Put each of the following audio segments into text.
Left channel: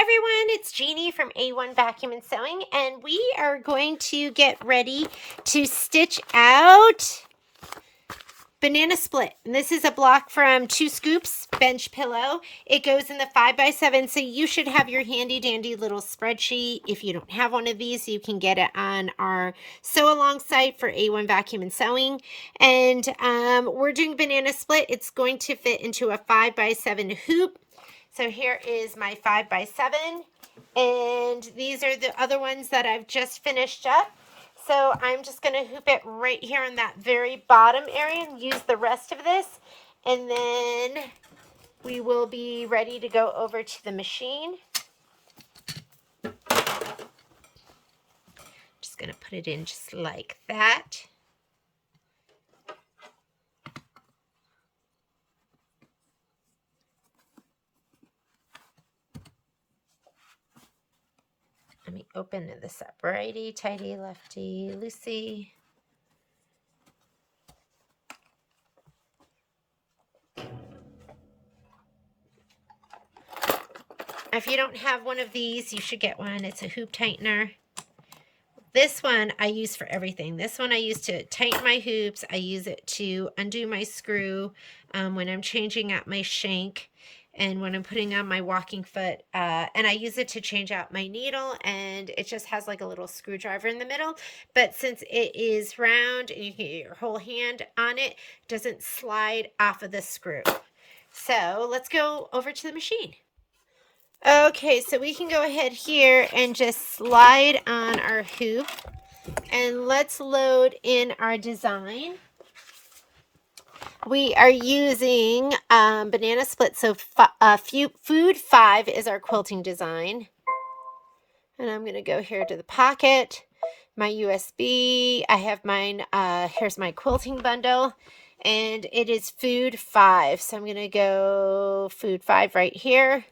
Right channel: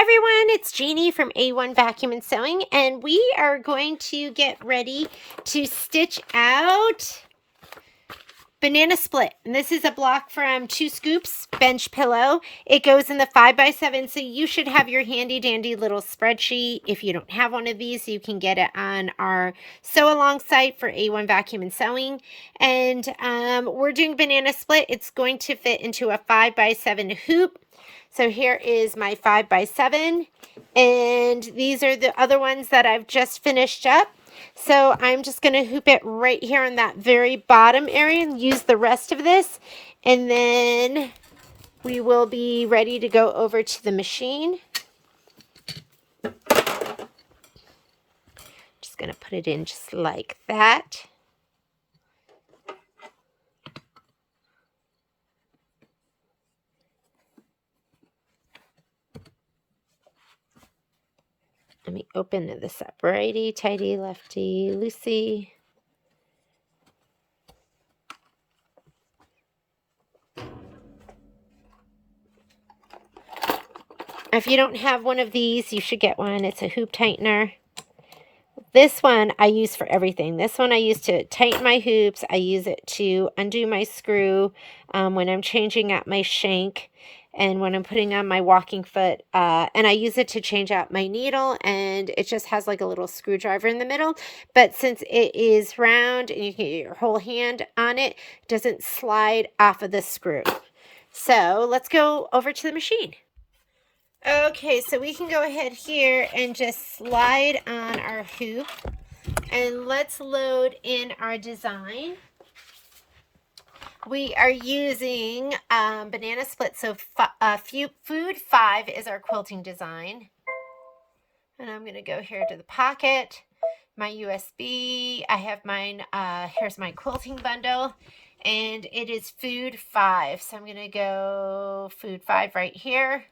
everyone, it's Jeannie from A1 Vacuum and Sewing, and we are going to get ready to stitch out Banana Split. And this is a block from 2 Scoops Bench Pillow. It goes in the 5x7, so you should have your handy dandy little spreadsheet. If you don't have one of these, you can get it on our sew along site for A1 Vacuum and Sewing. And we're doing Banana Split. It's going to fit into a 5x7 hoop. So here is my 5x7, and these are the other ones that I've just finished up. So I'm just going to hoop it right here in that very bottom area and use the rest of this, and then we will be ready to go over to the machine. Just going to put it in just like that. Let me open this up. Righty, tighty, lefty, loosey. If you don't have one of these, you should get one. It's a hoop tightener. This one I use for everything. This one I use to tighten my hoops. I use it to undo my screw when I'm changing out my shank and when I'm putting on my walking foot. And I use it to change out my needle, and it just has like a little screwdriver in the middle. But since it is round and you can get your whole hand on it, it doesn't slide off of the screw. So let's go over to the machine. Okay, so we can go ahead here and just slide on our hoop, and let's load in our design. We are using Banana Split, so Food 5 is our quilting design. And I'm going to go here to the pocket, my USB. I have mine, here's my quilting bundle, and it is Food 5. So I'm going to go Food 5 right here.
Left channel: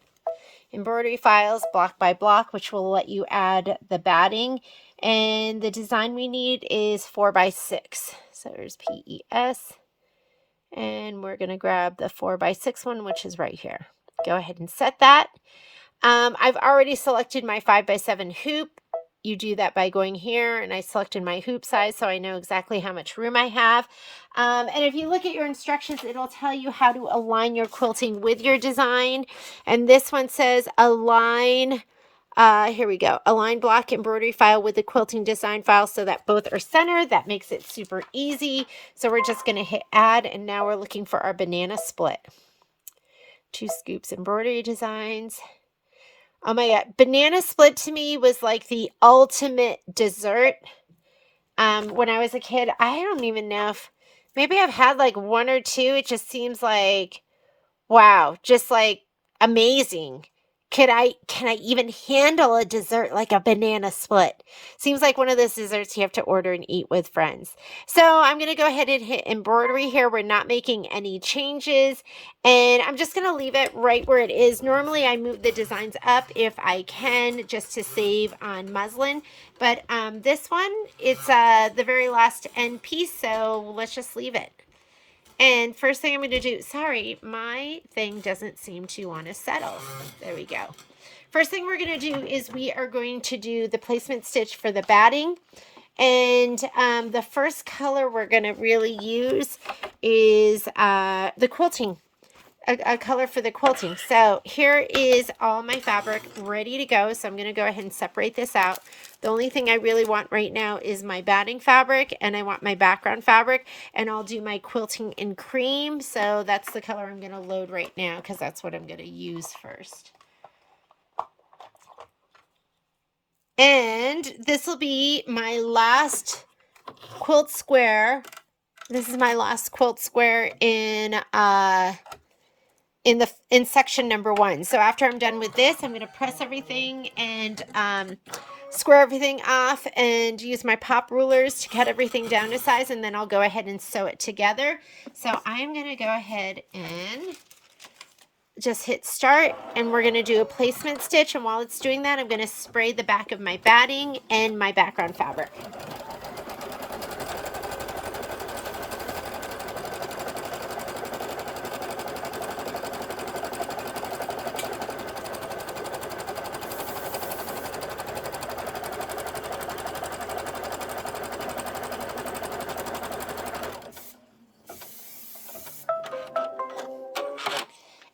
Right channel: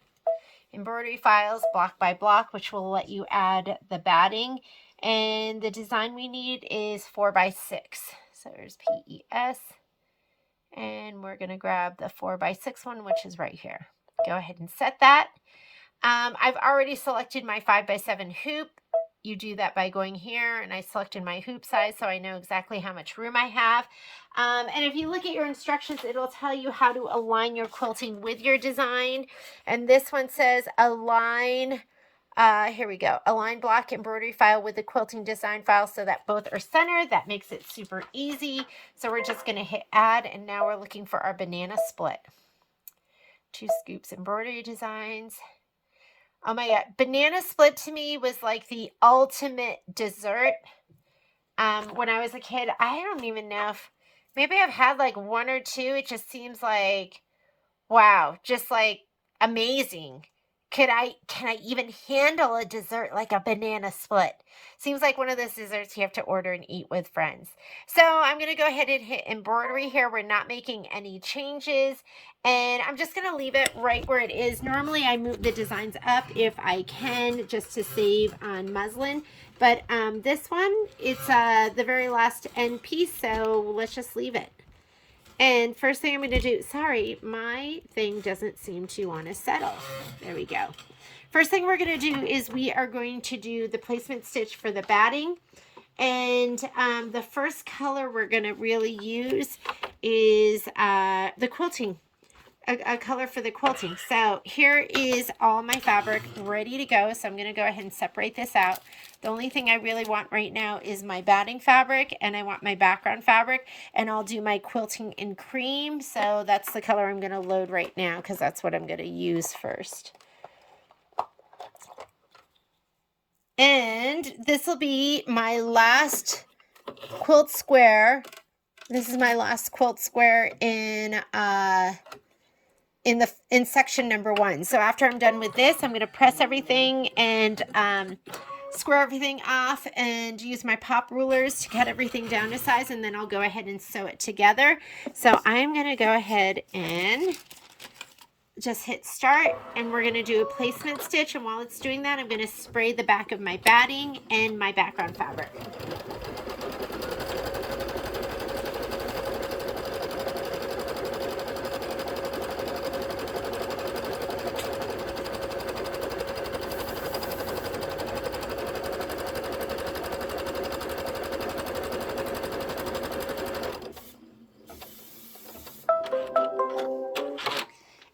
Embroidery files block by block, which will let you add the batting, and the design we need is 4x6. So there's PES, and we're going to grab the 4x6 one, which is right here. Go ahead and set that. I've already selected my 5x7 hoop. You do that by going here, and I selected my hoop size so I know exactly how much room I have. And if you look at your instructions, it'll tell you how to align your quilting with your design. And this one says align, here we go, align block embroidery file with the quilting design file so that both are centered. That makes it super easy. So we're just going to hit add, and now we're looking for our Banana Split. 2 Scoops embroidery designs. Oh my God, Banana Split to me was like the ultimate dessert. When I was a kid, I don't even know if, maybe I've had like 1 or 2. It just seems like, wow, just like amazing. Can I even handle a dessert like a Banana Split? Seems like one of those desserts you have to order and eat with friends. So I'm going to go ahead and hit embroidery here. We're not making any changes, and I'm just going to leave it right where it is. Normally I move the designs up if I can, just to save on muslin. But this one, it's the very last end piece, so let's just leave it. And first thing I'm going to do, sorry, my thing doesn't seem to want to settle. There we go. First thing we're going to do is we are going to do the placement stitch for the batting. And the first color we're going to really use is the quilting. A color for the quilting. So here is all my fabric ready to go. So I'm going to go ahead and separate this out. The only thing I really want right now is my batting fabric, and I want my background fabric, and I'll do my quilting in cream. So that's the color I'm going to load right now because that's what I'm going to use first. And this will be my last quilt square. This is my last quilt square in section number 1. So after I'm done with this, I'm going to press everything and square everything off and use my pop rulers to cut everything down to size, and then I'll go ahead and sew it together. So I'm going to go ahead and just hit start, and we're going to do a placement stitch, and while it's doing that, I'm going to spray the back of my batting and my background fabric.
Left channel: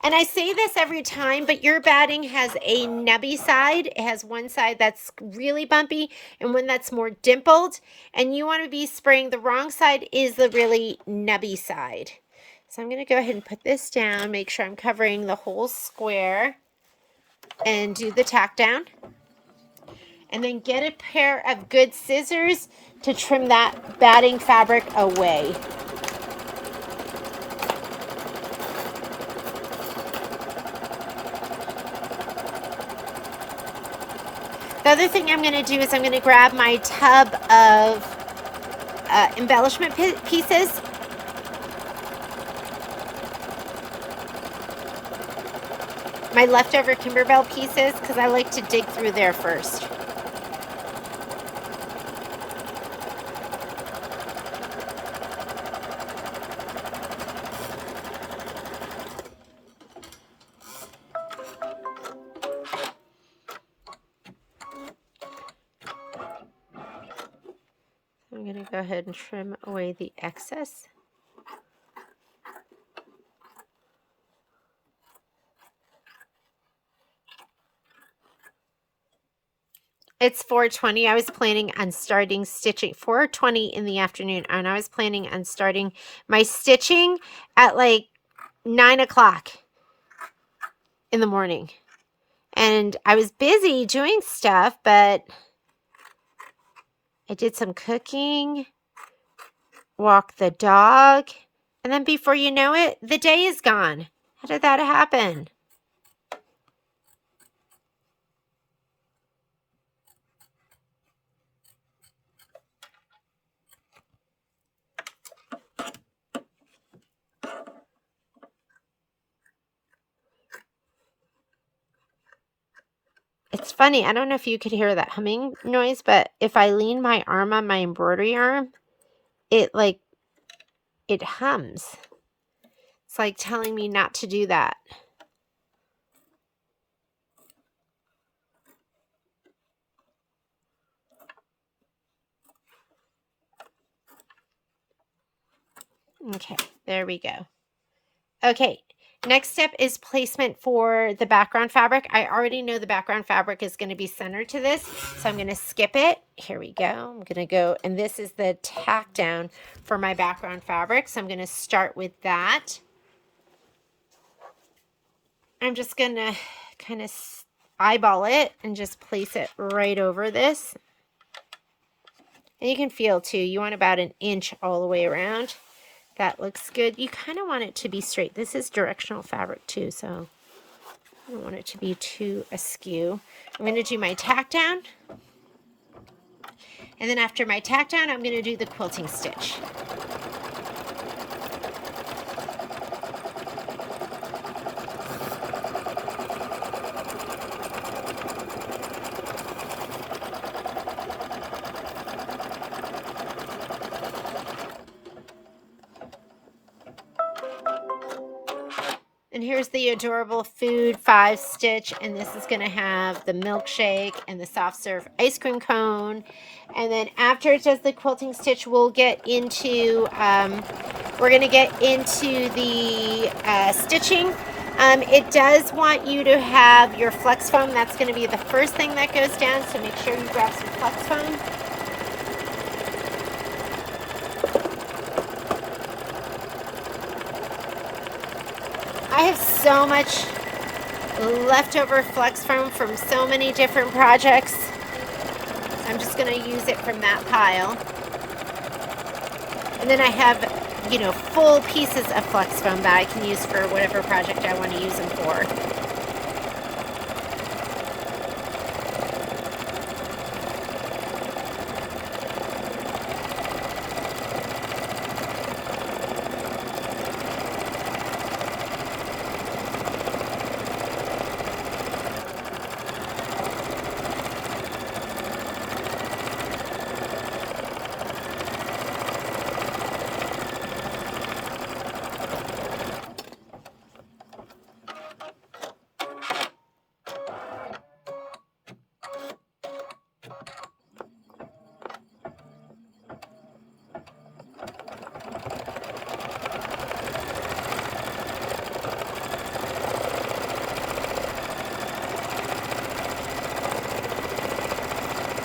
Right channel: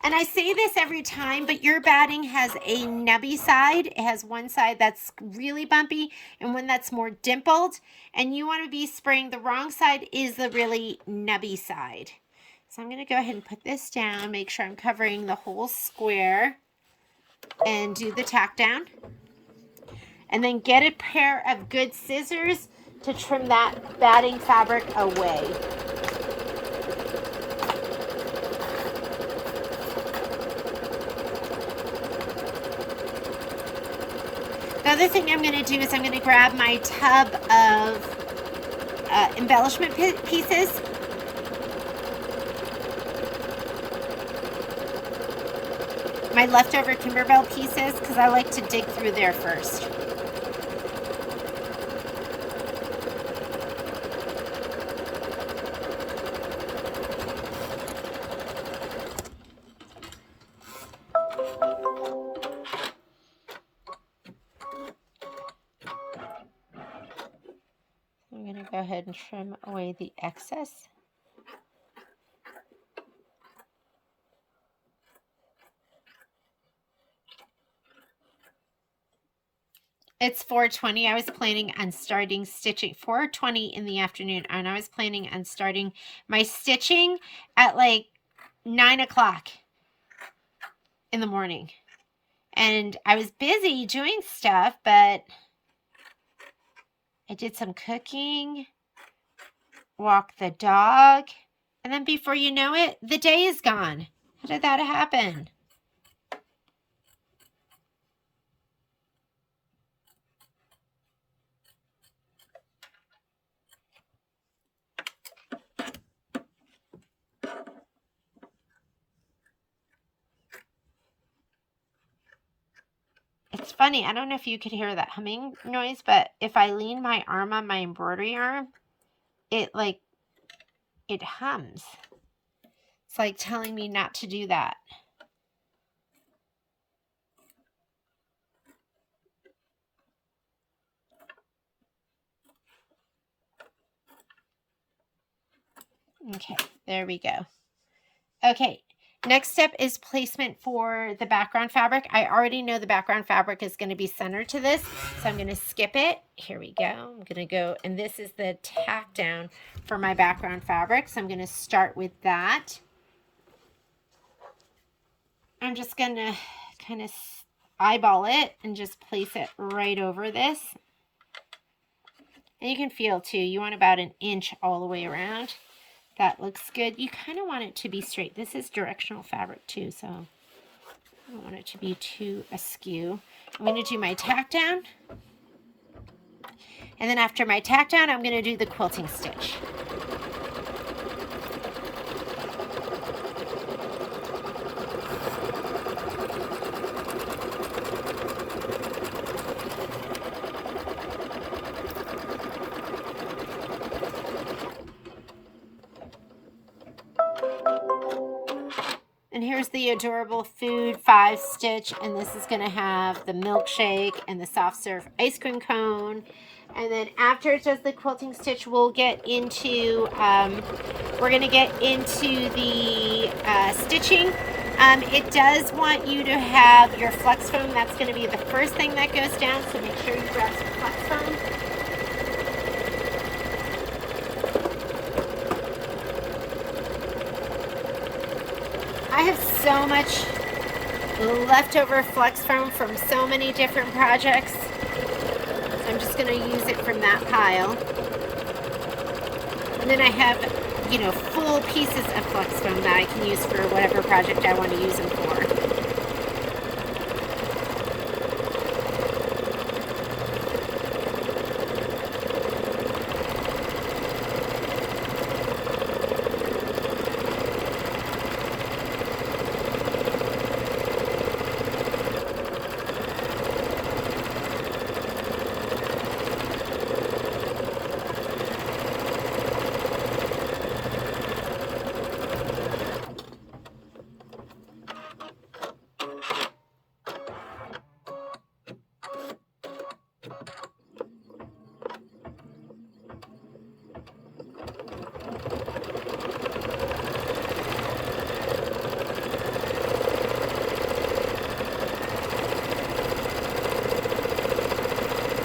And I say this every time, but your batting has a nubby side. It has one side that's really bumpy and one that's more dimpled. And you want to be spraying, the wrong side is the really nubby side. So I'm going to go ahead and put this down, make sure I'm covering the whole square, and do the tack down. And then get a pair of good scissors to trim that batting fabric away. The other thing I'm going to do is I'm going to grab my tub of embellishment pieces. My leftover Kimberbell pieces, because I like to dig through there first. I'm going to go ahead and trim away the excess. It's 4:20. I was planning on starting stitching 4:20 in the afternoon, and I was planning on starting my stitching at like 9 o'clock in the morning. And I was busy doing stuff, but I did some cooking, walked the dog, and then before you know it, the day is gone. How did that happen? It's funny. I don't know if you could hear that humming noise, but if I lean my arm on my embroidery arm, it hums. It's like telling me not to do that. Okay, there we go. Okay, next step is placement for the background fabric. I already know the background fabric is going to be centered to this, so I'm going to skip it. Here we go. I'm going to go, and this is the tack down for my background fabric, so I'm going to start with that. I'm just going to kind of eyeball it and just place it right over this. And you can feel too, you want about an inch all the way around. That looks good. You kind of want it to be straight. This is directional fabric too, so I don't want it to be too askew. I'm going to do my tack down. And then after my tack down, I'm going to do the quilting stitch. And here's the adorable Food 5 stitch, and this is going to have the milkshake and the soft serve ice cream cone. And then after it does the quilting stitch, we'll get into, we're going to get into the stitching. It does want you to have your flex foam. That's going to be the first thing that goes down, so make sure you grab some flex foam. I have so much leftover flex foam from so many different projects. I'm just going to use it from that pile. And then I have, you know, full pieces of flex foam that I can use for whatever project I want to use them for.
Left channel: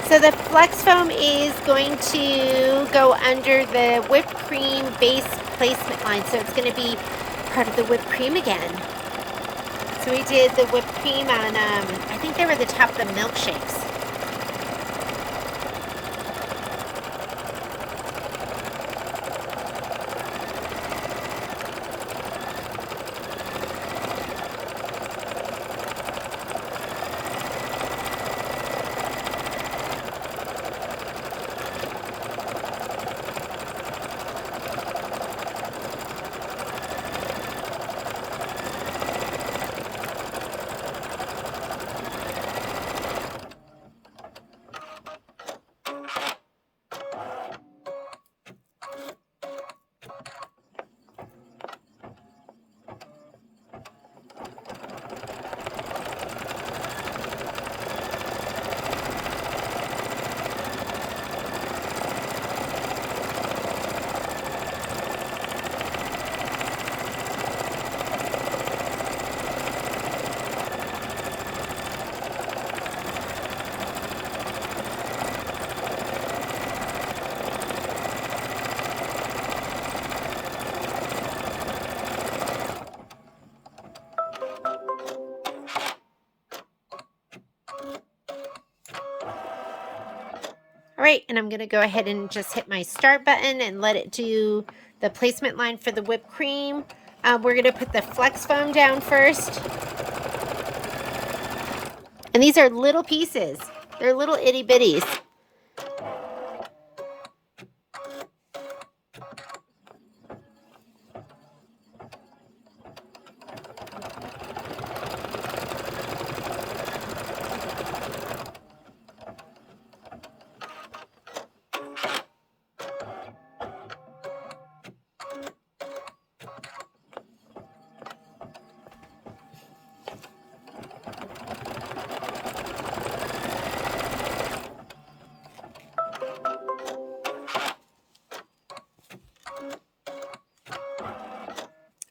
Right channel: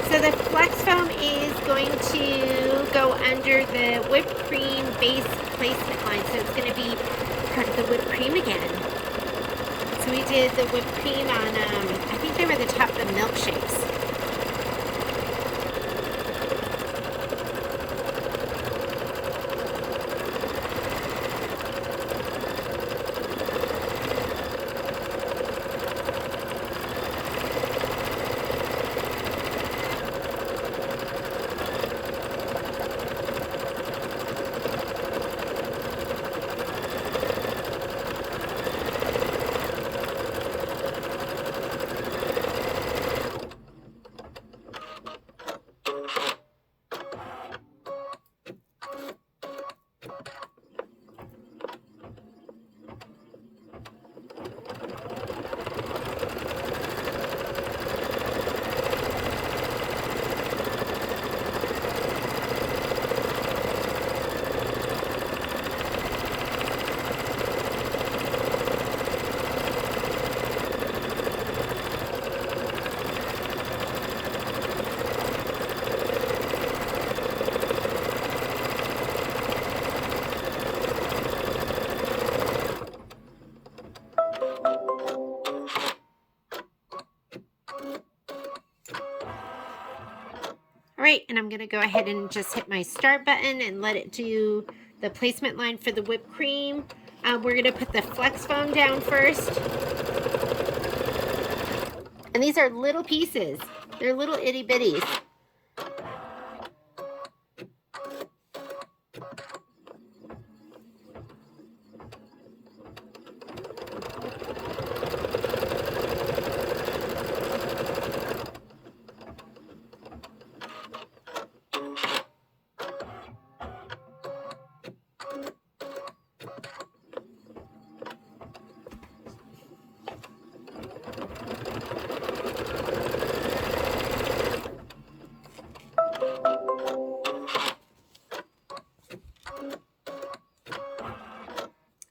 So the flex foam is going to go under the whipped cream base placement line. So it's going to be part of the whipped cream again. So we did the whipped cream on, I think they were the top of the milkshakes. All right, and I'm going to go ahead and just hit my start button and let it do the placement line for the whipped cream. We're going to put the flex foam down first. And these are little pieces. They're little itty bitties.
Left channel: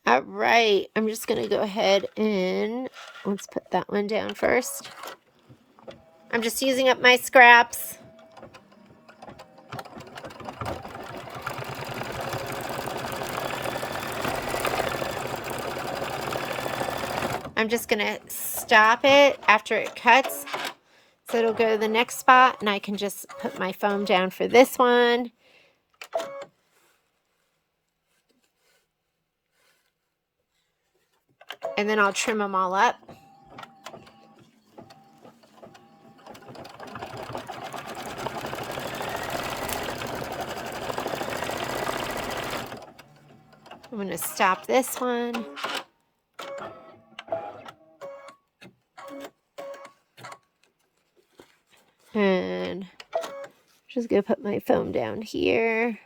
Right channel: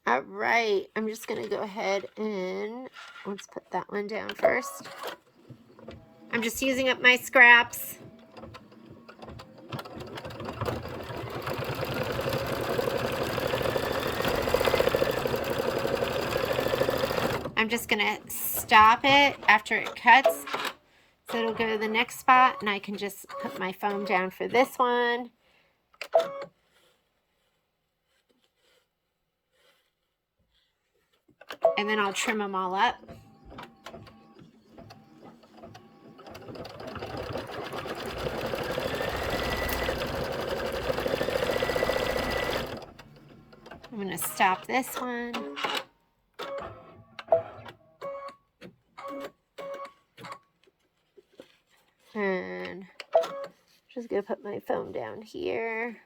All right, I'm just going to go ahead and let's put that one down first. I'm just using up my scraps. I'm just going to stop it after it cuts. So it'll go to the next spot and I can just put my foam down for this one. And then I'll trim them all up. I'm going to stop this one. And just going to put my foam down here.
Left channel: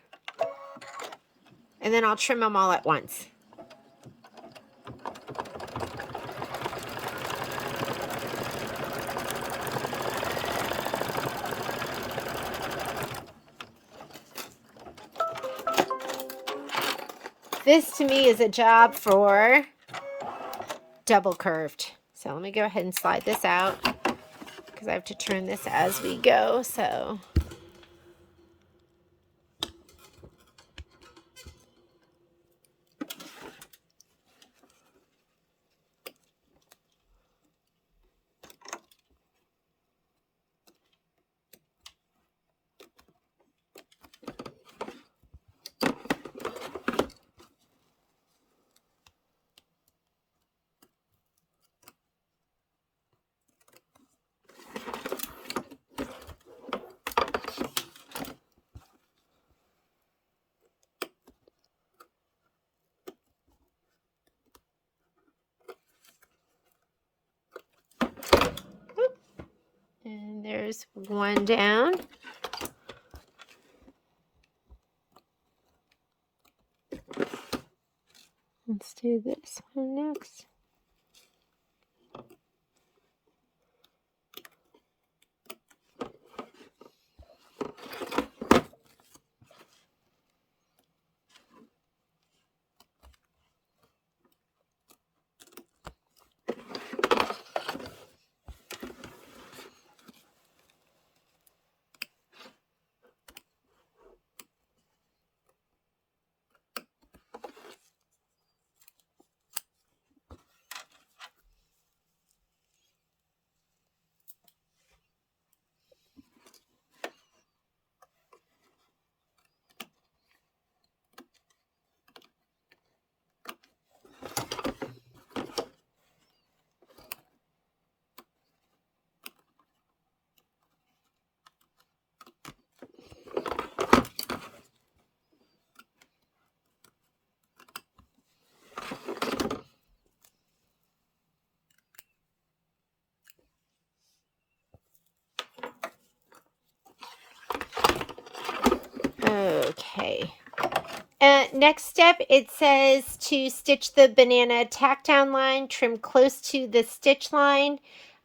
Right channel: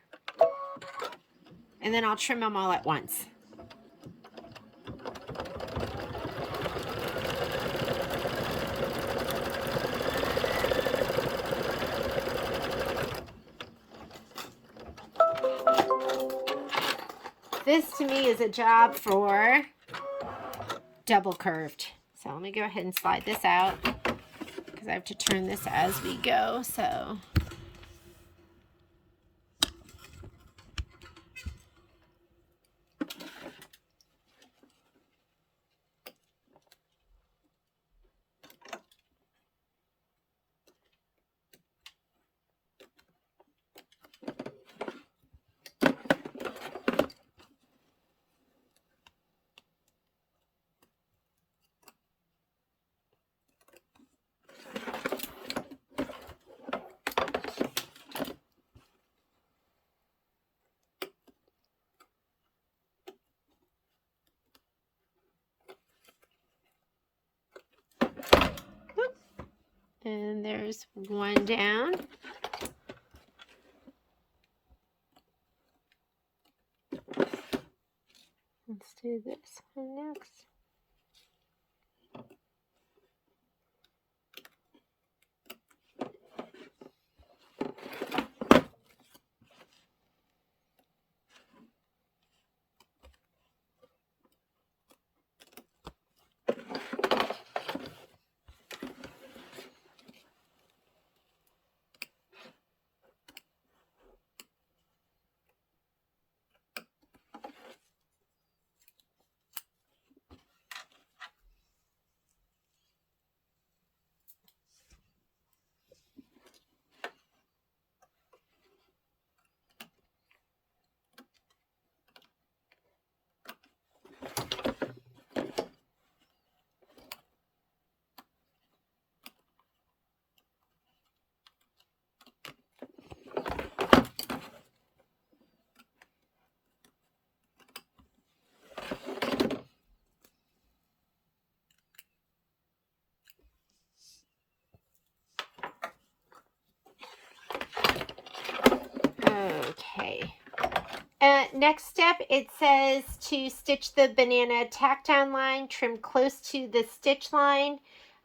And then I'll trim them all at once. This to me is a job for double curved. So let me go ahead and slide this out because I have to turn this as we go. So and there's one down. Let's do this one next. next step, it says to stitch the banana tack down line, trim close to the stitch line.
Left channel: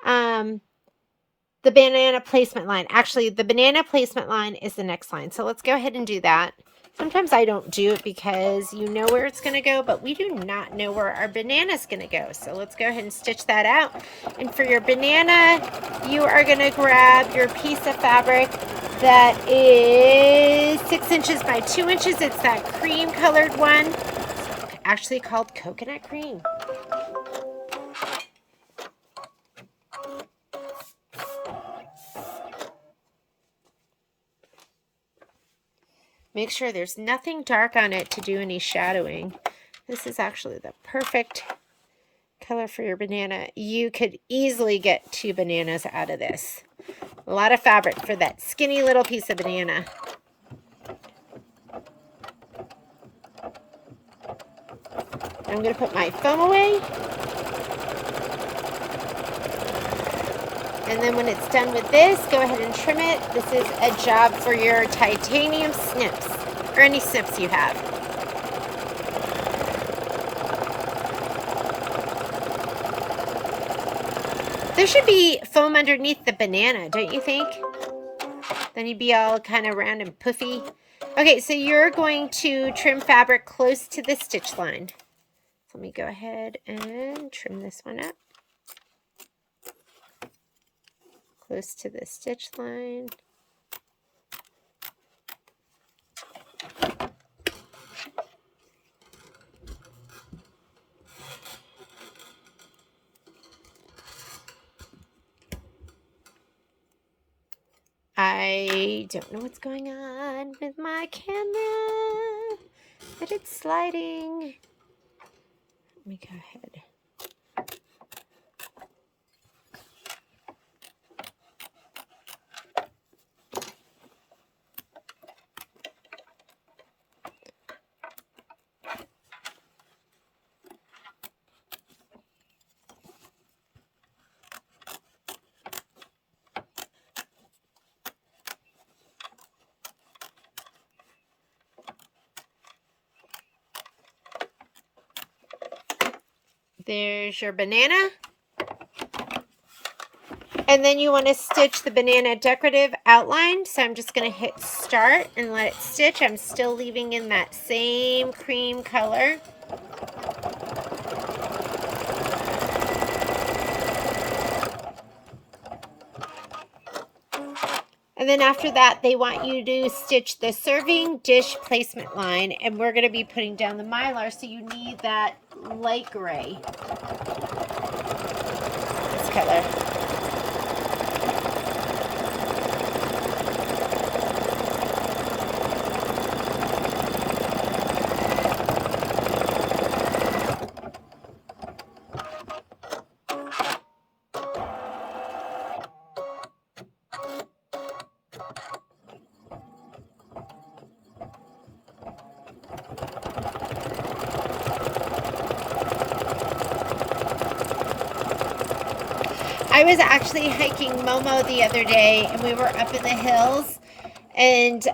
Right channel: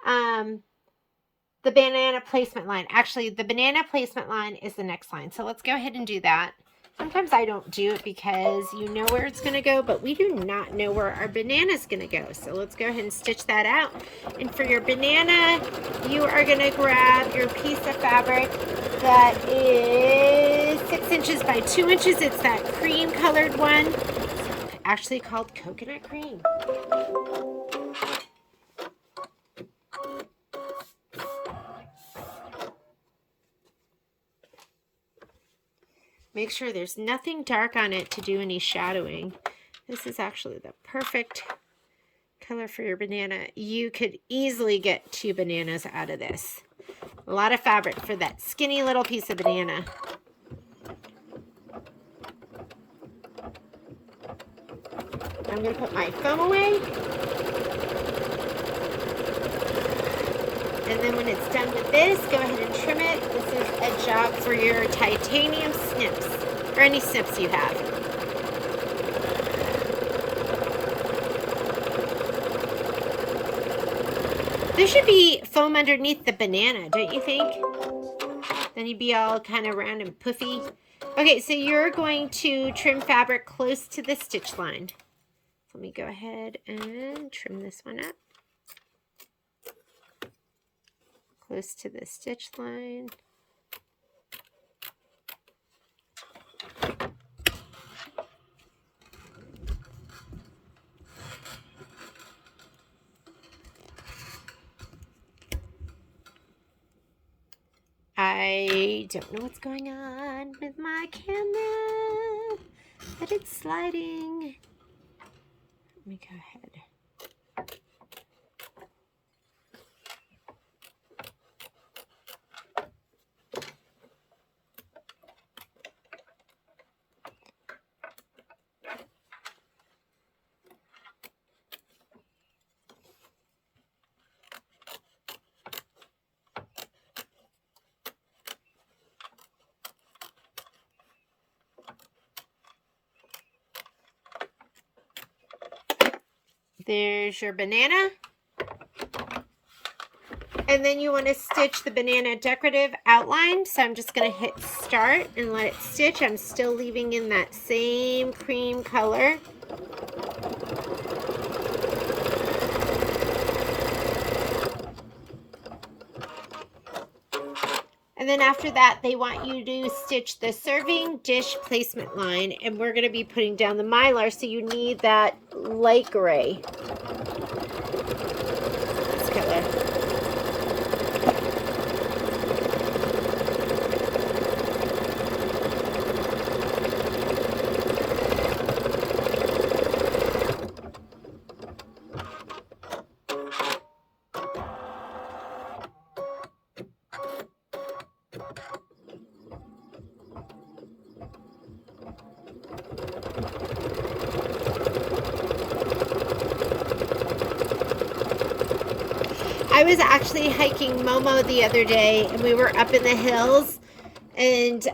The banana placement line. Actually, the banana placement line is the next line. So let's go ahead and do that. Sometimes I don't do it because you know where it's going to go, but we do not know where our banana is going to go. So let's go ahead and stitch that out. And for your banana, you are going to grab your piece of fabric that is 6 inches by 2 inches. It's that cream colored one. It's actually called coconut cream. Make sure there's nothing dark on it to do any shadowing. This is actually the perfect color for your banana. You could easily get 2 bananas out of this. A lot of fabric for that skinny little piece of banana. I'm going to put my foam away. And then when it's done with this, go ahead and trim it. This is a job for your titanium snips, or any snips you have. There should be foam underneath the banana, don't you think? Then you'd be all kind of round and puffy. Okay, so you're going to trim fabric close to the stitch line. So let me go ahead and trim this one up. Close to the stitch line. I don't know what's going on with my camera, but it's sliding. Let me go ahead. There's your banana. And then you want to stitch the banana decorative outline. So I'm just going to hit start and let it stitch. I'm still leaving in that same cream color. And then after that, they want you to stitch the serving dish placement line. And we're going to be putting down the mylar, so you need that light gray. This color. I was actually hiking Momo the other day, and we were up in the hills, and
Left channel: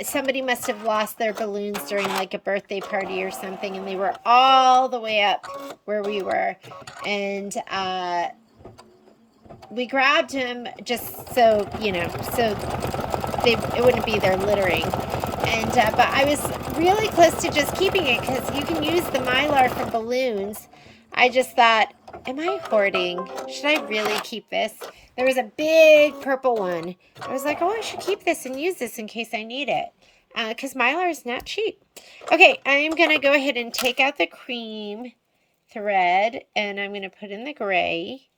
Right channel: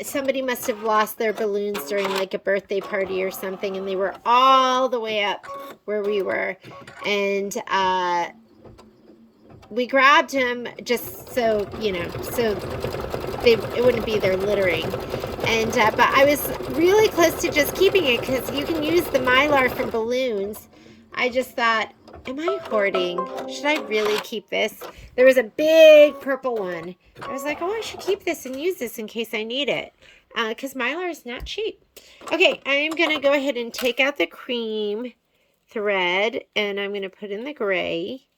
somebody must have lost their balloons during like a birthday party or something, and they were all the way up where we were, and we grabbed them just so, you know, so it wouldn't be there littering. And but I was really close to just keeping it because you can use the mylar from balloons. I just thought, am I hoarding? Should I really keep this? There was a big purple one. I was like, oh, I should keep this and use this in case I need it. Because mylar is not cheap. Okay, I'm going to go ahead and take out the cream thread. And I'm going to put in the gray.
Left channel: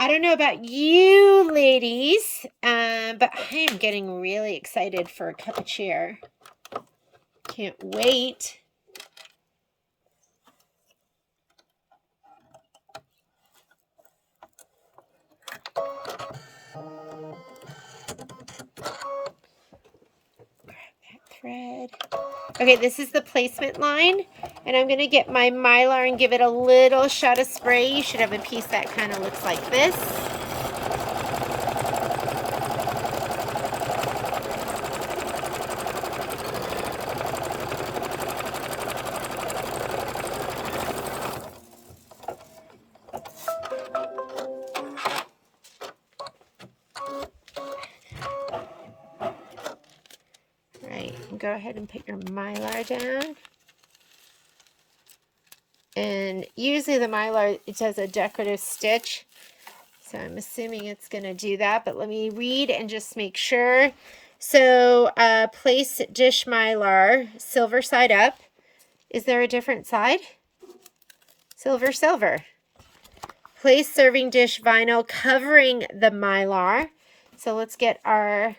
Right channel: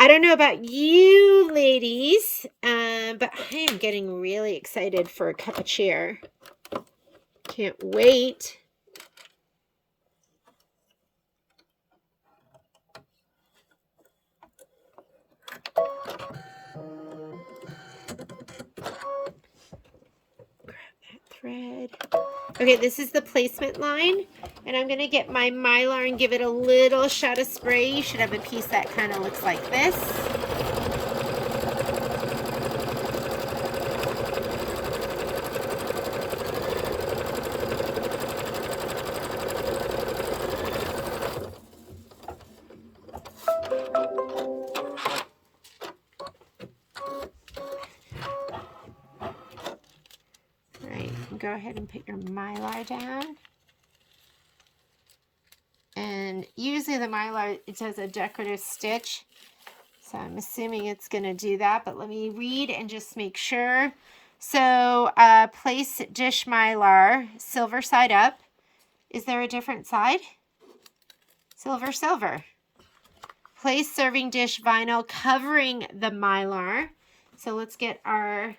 I don't know about you ladies, but I am getting really excited for a cup of cheer. Can't wait. Thread. Okay, this is the placement line, and I'm going to get my mylar and give it a little shot of spray. You should have a piece that kind of looks like this. go ahead and put your Mylar down. And usually the Mylar, it does a decorative stitch. So I'm assuming it's going to do that, but let me read and just make sure. So place dish Mylar, silver side up. Is there a different side? Silver, silver. Place serving dish vinyl covering the Mylar. So let's get our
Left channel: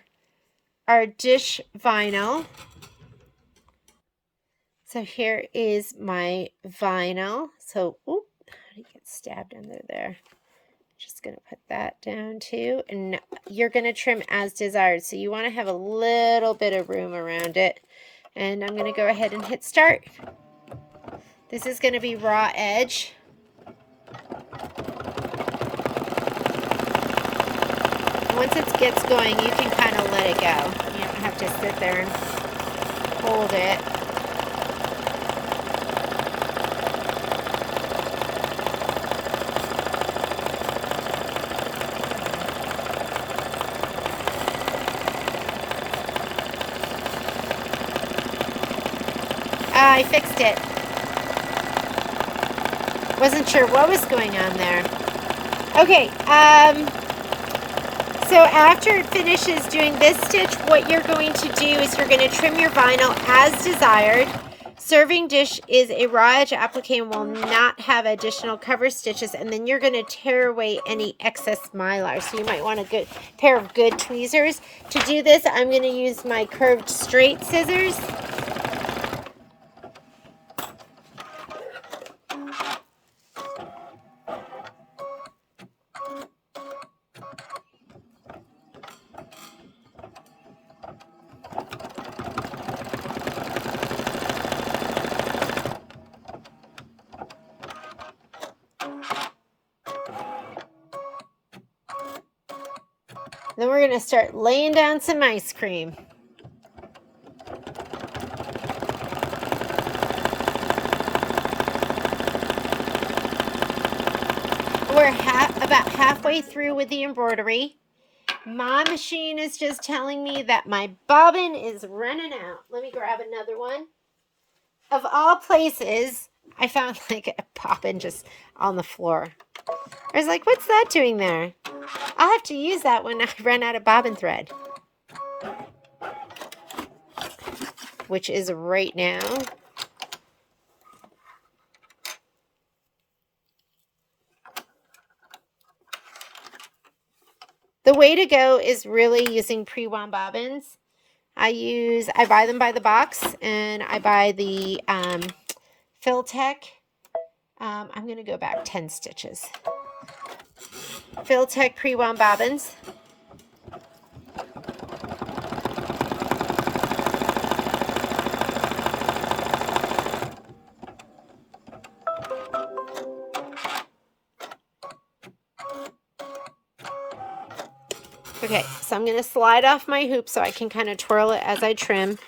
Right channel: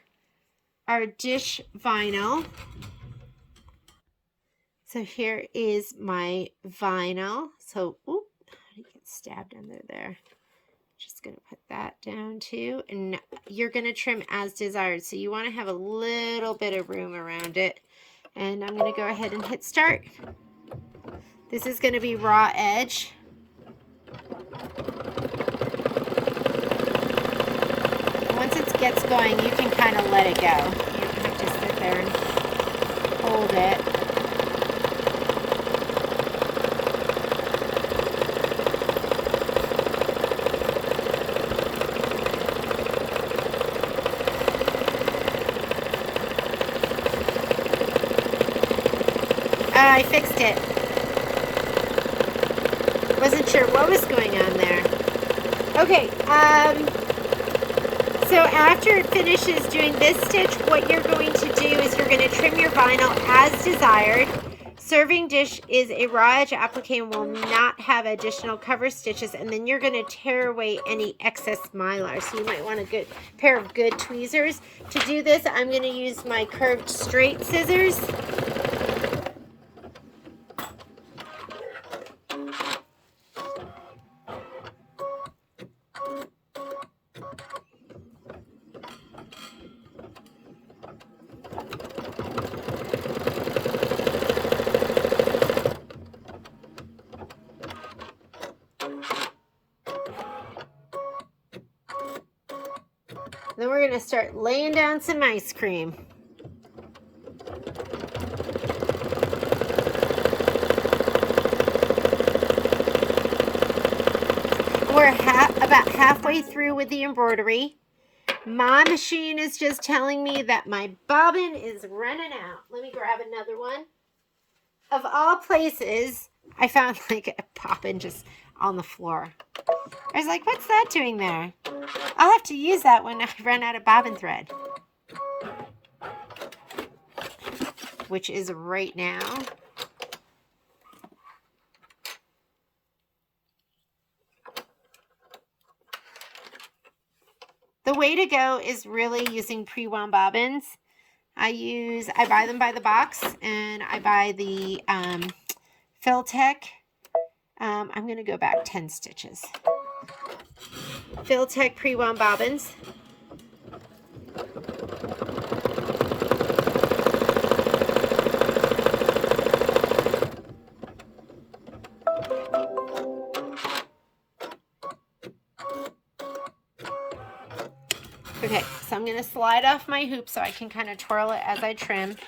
dish vinyl. So here is my vinyl. So, oop, how do you get stabbed under there? Just going to put that down too. And you're going to trim as desired. So you want to have a little bit of room around it. And I'm going to go ahead and hit start. This is going to be raw edge. Once it gets going, you can kind of let it go. You don't have to sit there and hold it. I fixed it. Wasn't sure what was going on there. Okay, so after it finishes doing this stitch, what you're going to do is you're going to trim your vinyl as desired. Serving dish is a raw edge applique and will not have additional cover stitches, and then you're going to tear away any excess Mylar. So you might want a good pair of good tweezers. To do this, I'm going to use my curved straight scissors. Then we're going to start laying down some ice cream. We're about halfway through with the embroidery. My machine is just telling me that my bobbin is running out. Let me grab another one. Of all places, I found like a bobbin just on the floor. I was like, what's that doing there? I'll have to use that when I run out of bobbin thread. Which is right now. The way to go is really using pre-wound bobbins. I buy them by the box, and I buy the Tack. I'm going to go back 10 stitches. Tack pre-wound bobbins. Okay, so I'm going to slide off my hoop so I can kind of twirl it as I trim.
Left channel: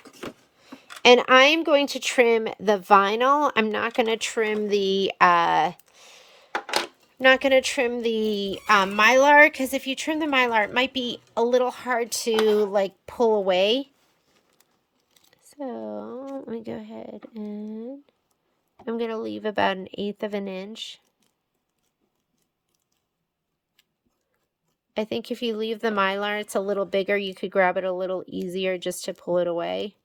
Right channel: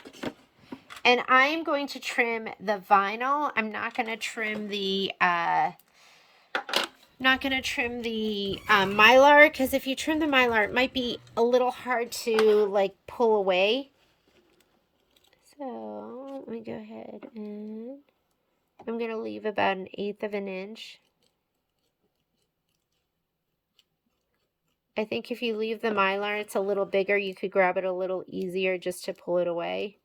And I'm going to trim the vinyl. I'm not going to trim the Mylar, because if you trim the Mylar, it might be a little hard to like pull away. So let me go ahead and I'm going to leave about 1/8 of an inch. I think if you leave the Mylar, it's a little bigger. You could grab it a little easier just to pull it away.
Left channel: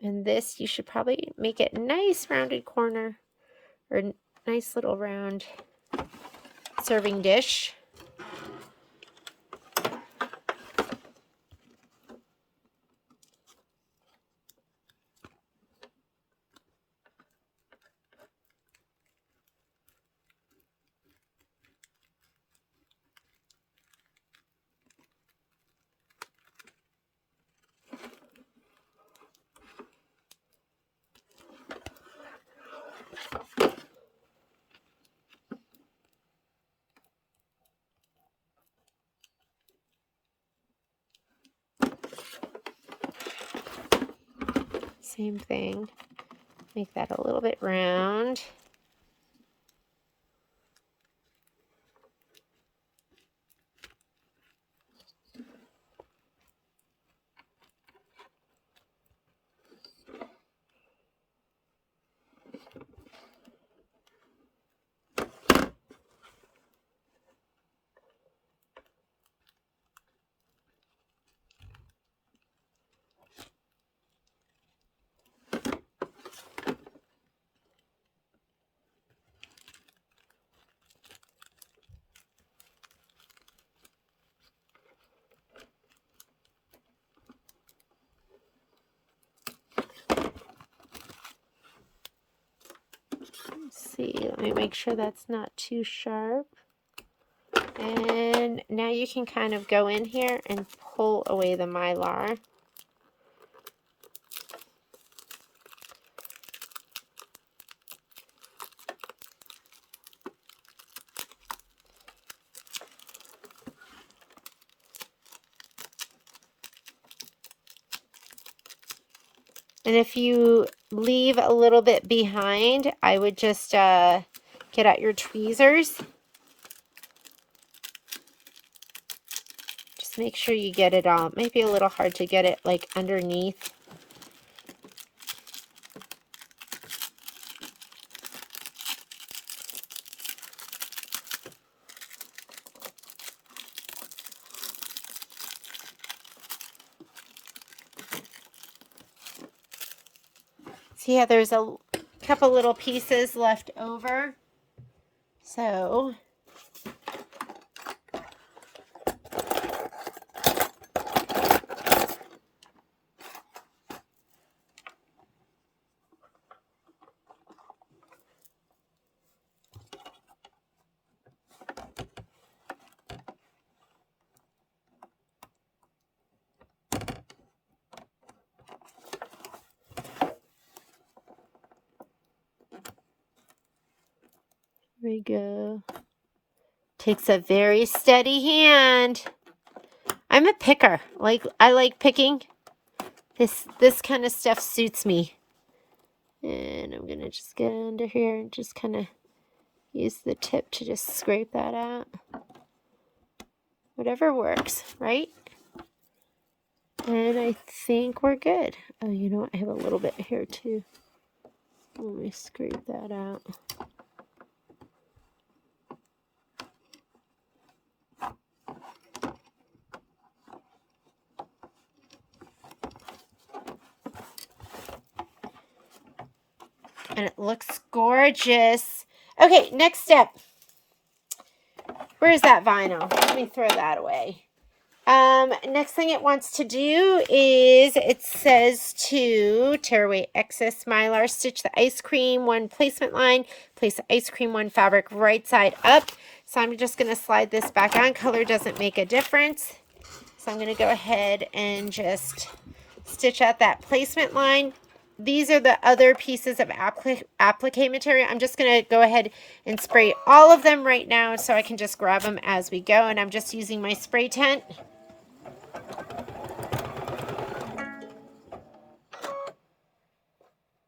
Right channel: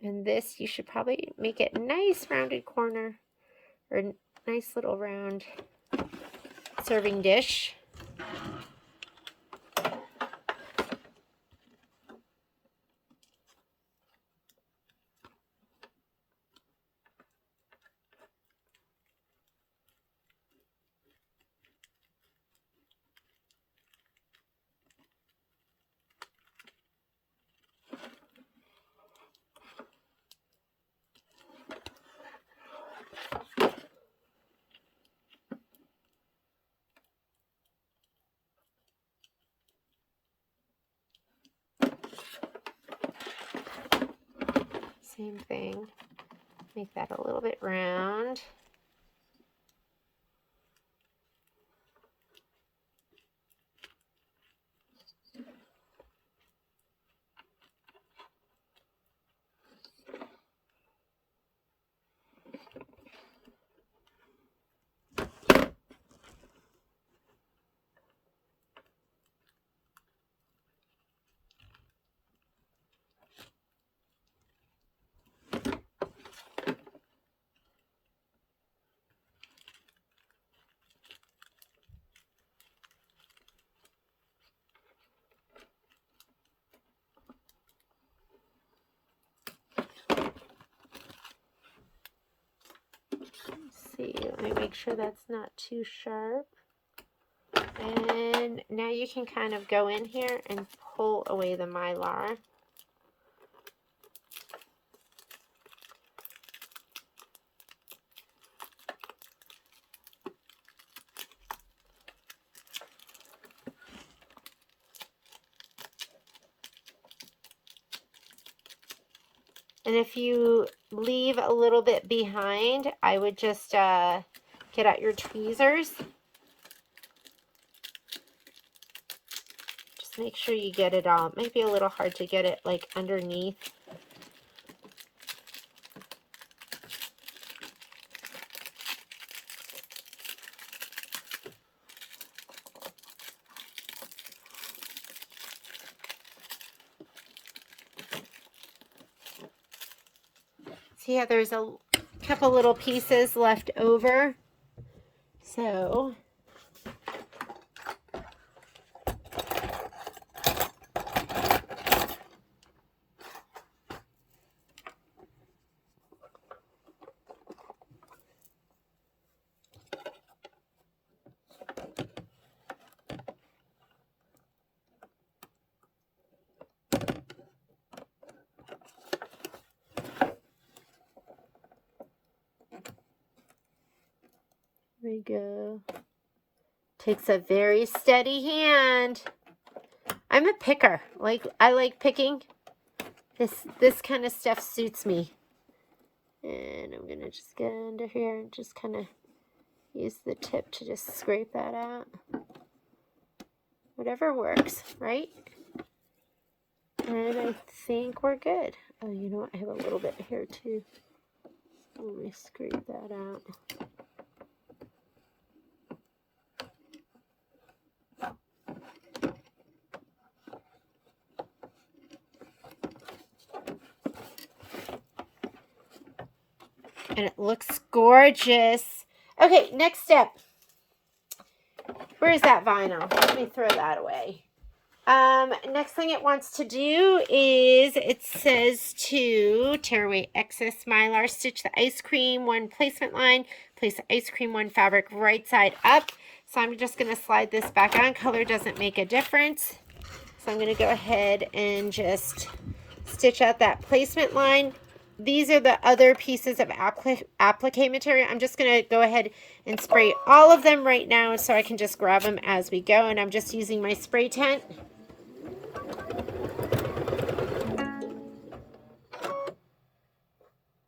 And this, you should probably make it nice rounded corner, or nice little round serving dish. Same thing. Make that a little bit round. see, let me make sure that's not too sharp. And now you can kind of go in here and pull away the Mylar. And if you leave a little bit behind, I would just get out your tweezers. Just make sure you get it all. It might be a little hard to get it like underneath. See how there's a couple little pieces left over. So there we go. Takes a very steady hand. I'm a picker. I like picking. This kind of stuff suits me. And I'm gonna just get under here and just kind of use the tip to just scrape that out. Whatever works, right? And I think we're good. Oh, you know what? I have a little bit here too. Let me scrape that out. And it looks gorgeous. Okay, next step. Where's that vinyl? Let me throw that away. Next thing it wants to do is, it says to tear away excess Mylar, stitch the ice cream one placement line, place the ice cream one fabric right side up. So I'm just going to slide this back on. Color doesn't make a difference. So I'm going to go ahead and just stitch out that placement line. These are the other pieces of applique material. I'm just going to go ahead and spray all of them right now so I can just grab them as we go. And I'm just using my spray tent.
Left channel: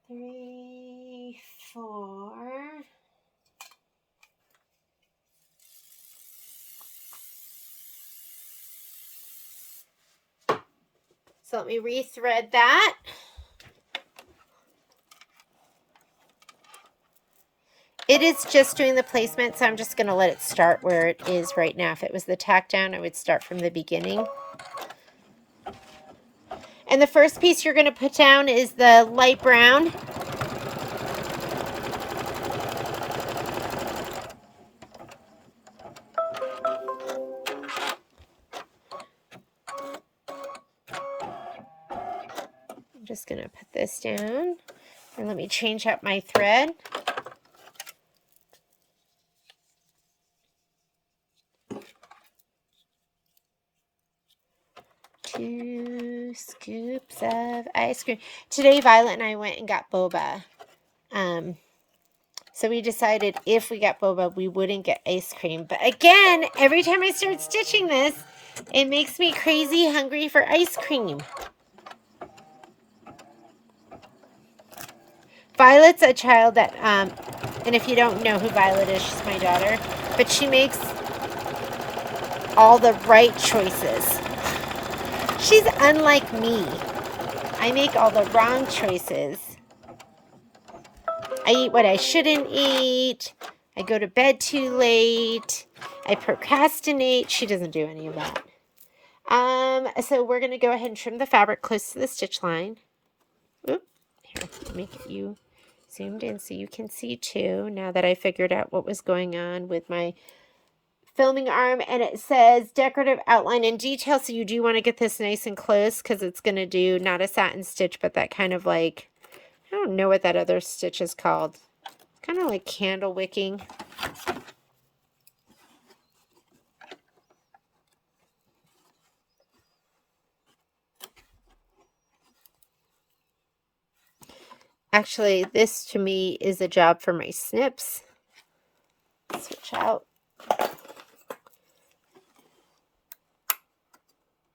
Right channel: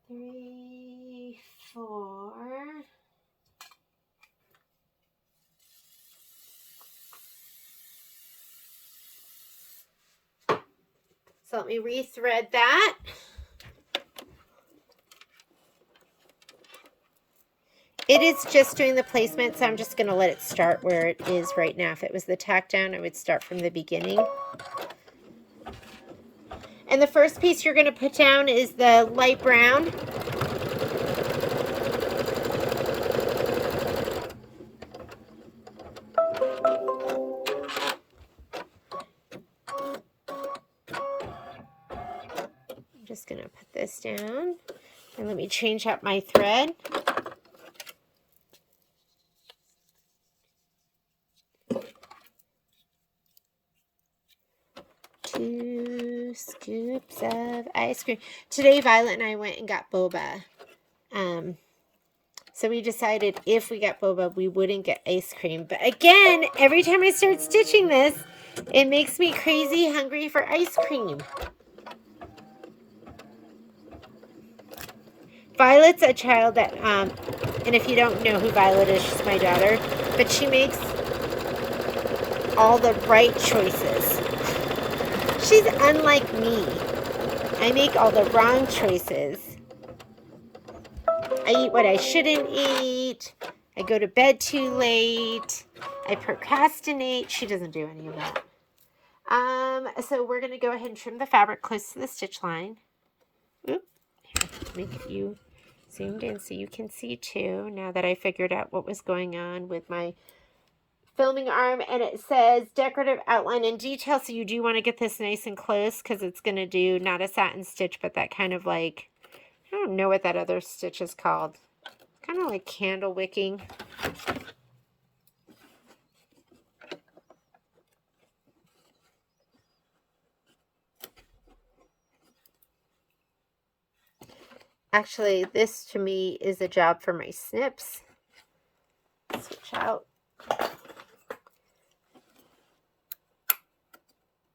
Three, four. So let me rethread that. It is just doing the placement, so I'm just going to let it start where it is right now. If it was the tack down, I would start from the beginning. And the first piece you're going to put down is the light brown. I'm just going to put this down. And let me change up my thread. Two scoops of ice cream. Today, Violet and I went and got boba. So we decided if we got boba, we wouldn't get ice cream. But again, every time I start stitching this, it makes me crazy hungry for ice cream. Violet's a child that, and if you don't know who Violet is, she's my daughter, but she makes all the right choices. She's unlike me. I make all the wrong choices. I eat what I shouldn't eat. I go to bed too late. I procrastinate. She doesn't do any of that. So we're going to go ahead and trim the fabric close to the stitch line. Oop. Here, let me get you zoomed in so you can see too, now that I figured out what was going on with my filming arm. And it says decorative outline and detail, so you do want to get this nice and close because it's going to do not a satin stitch, but that kind of like, I don't know what that other stitch is called. kind of like candle wicking. Actually, this to me is a job for my snips. Switch out.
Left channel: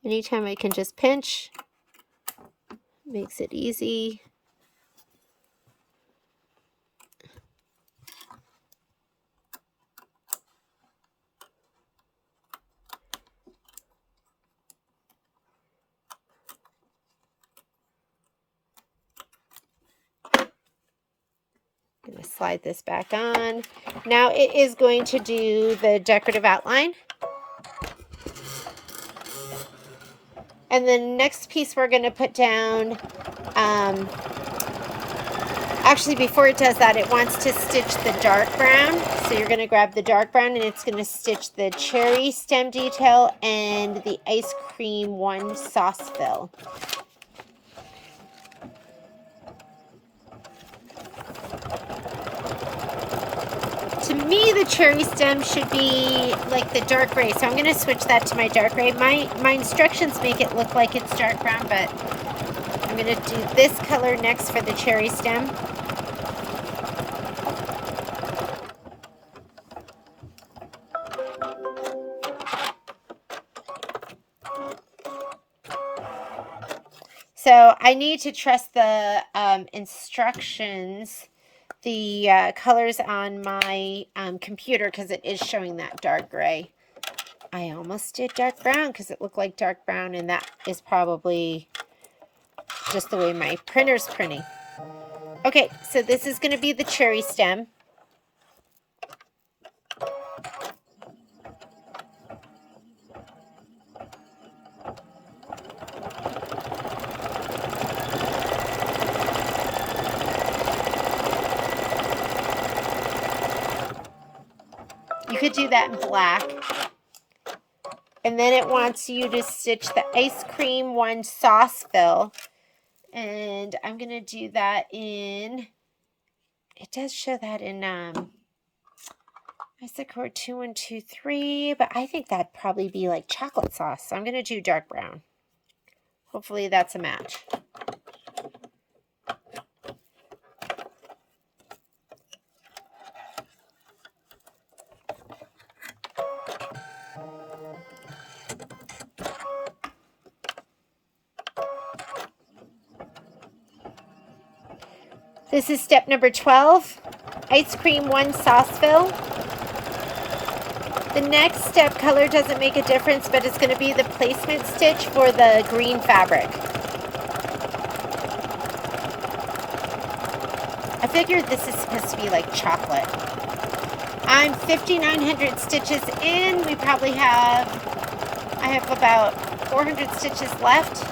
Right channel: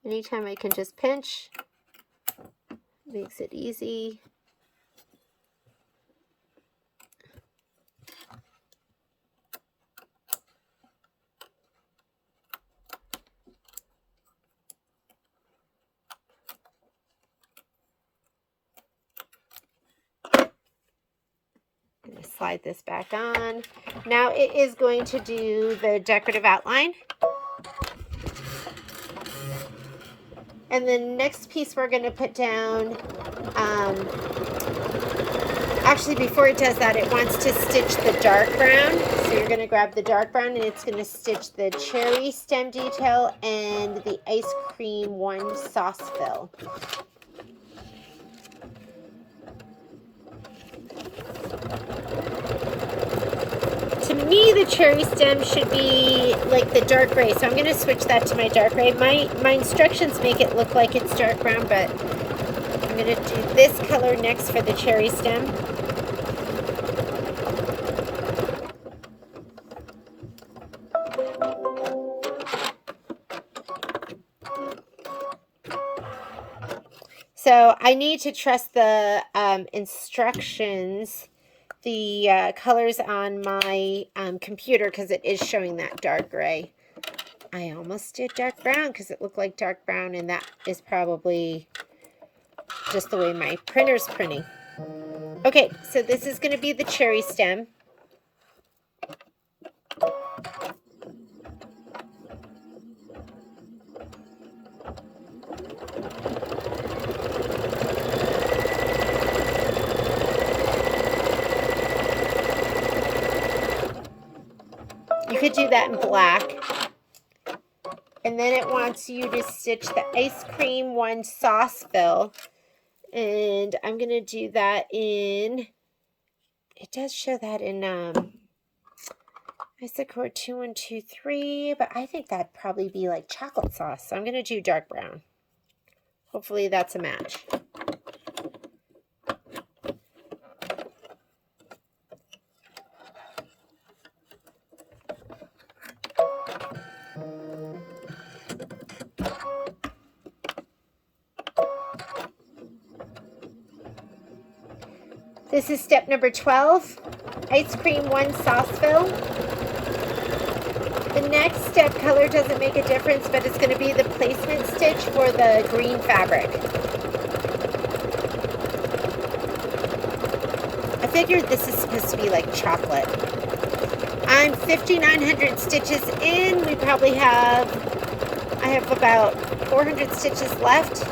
Anytime I can just pinch, makes it easy. I'm going to slide this back on. Now it is going to do the decorative outline. And the next piece we're going to put down, actually before it does that, it wants to stitch the dark brown. So you're going to grab the dark brown and it's going to stitch the cherry stem detail and the ice cream one sauce fill. To me, the cherry stem should be like the dark gray, so I'm going to switch that to my dark gray. My instructions make it look like it's dark brown, but I'm going to do this color next for the cherry stem. So I need to trust the instructions, the colors on my computer, because it is showing that dark gray. I almost did dark brown because it looked like dark brown, and that is probably just the way my printer's printing. Okay, so this is going to be the cherry stem. You could do that in black. And then it wants you to stitch the ice cream one sauce fill. And I'm going to do that in, it does show that in Isacore 2123, but I think that'd probably be like chocolate sauce. So I'm going to do dark brown. Hopefully that's a match. This is step number 12, ice cream one sauce fill. The next step, color doesn't make a difference, but it's going to be the placement stitch for the green fabric. I figured this is supposed to be like chocolate. I'm 5,900 stitches in. We probably have, I have about 400 stitches left.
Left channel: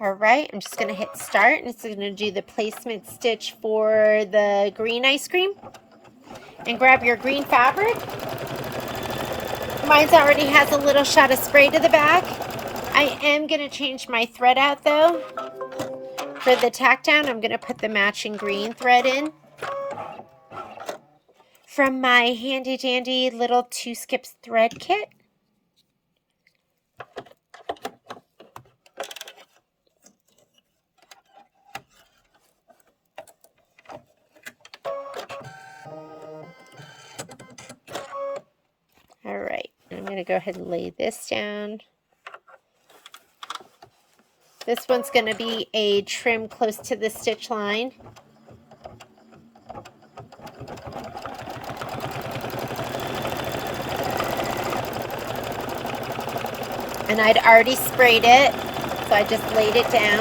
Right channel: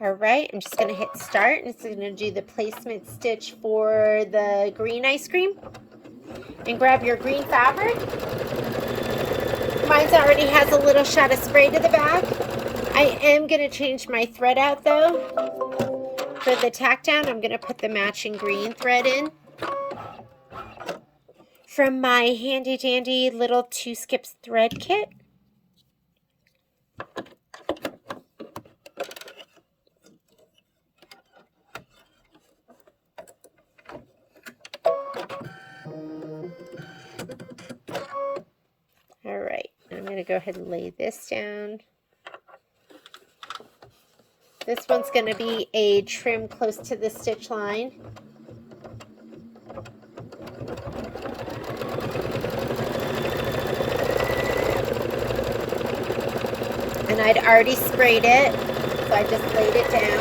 All right, I'm just going to hit start, and it's going to do the placement stitch for the green ice cream. And grab your green fabric. Mine already has a little shot of spray to the back. I am going to change my thread out though. For the tack down, I'm going to put the matching green thread in. From my handy dandy little 2 skips thread kit. All right, I'm going to go ahead and lay this down. This one's going to be a trim close to the stitch line. And I'd already sprayed it so I just laid it down.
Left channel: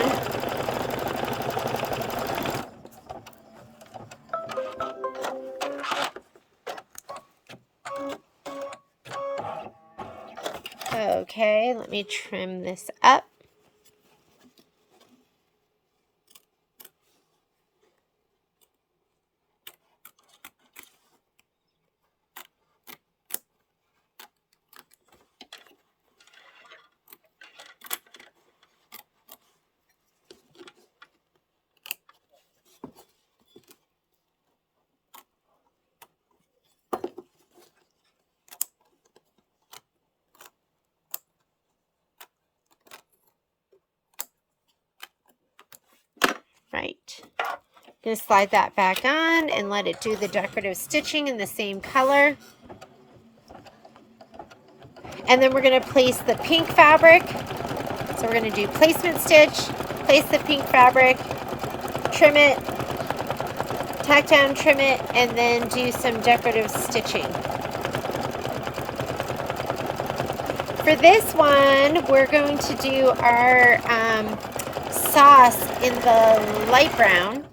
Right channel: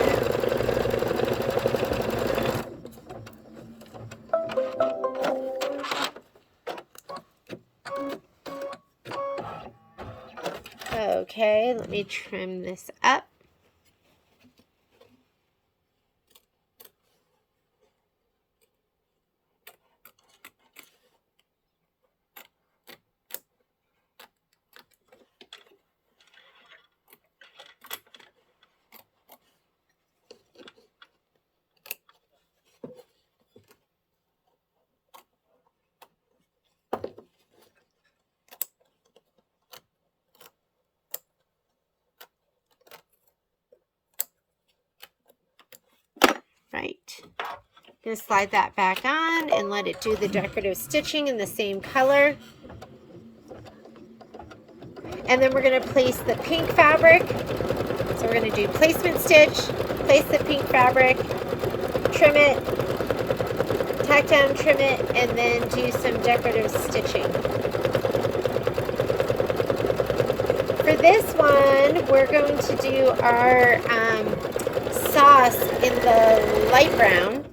Okay, let me trim this up. Right. I'm going to slide that back on and let it do the decorative stitching in the same color. And then we're going to place the pink fabric. So we're going to do placement stitch, place the pink fabric, trim it, tack down, trim it, and then do some decorative stitching. For this one, we're going to do our sauce in the light brown.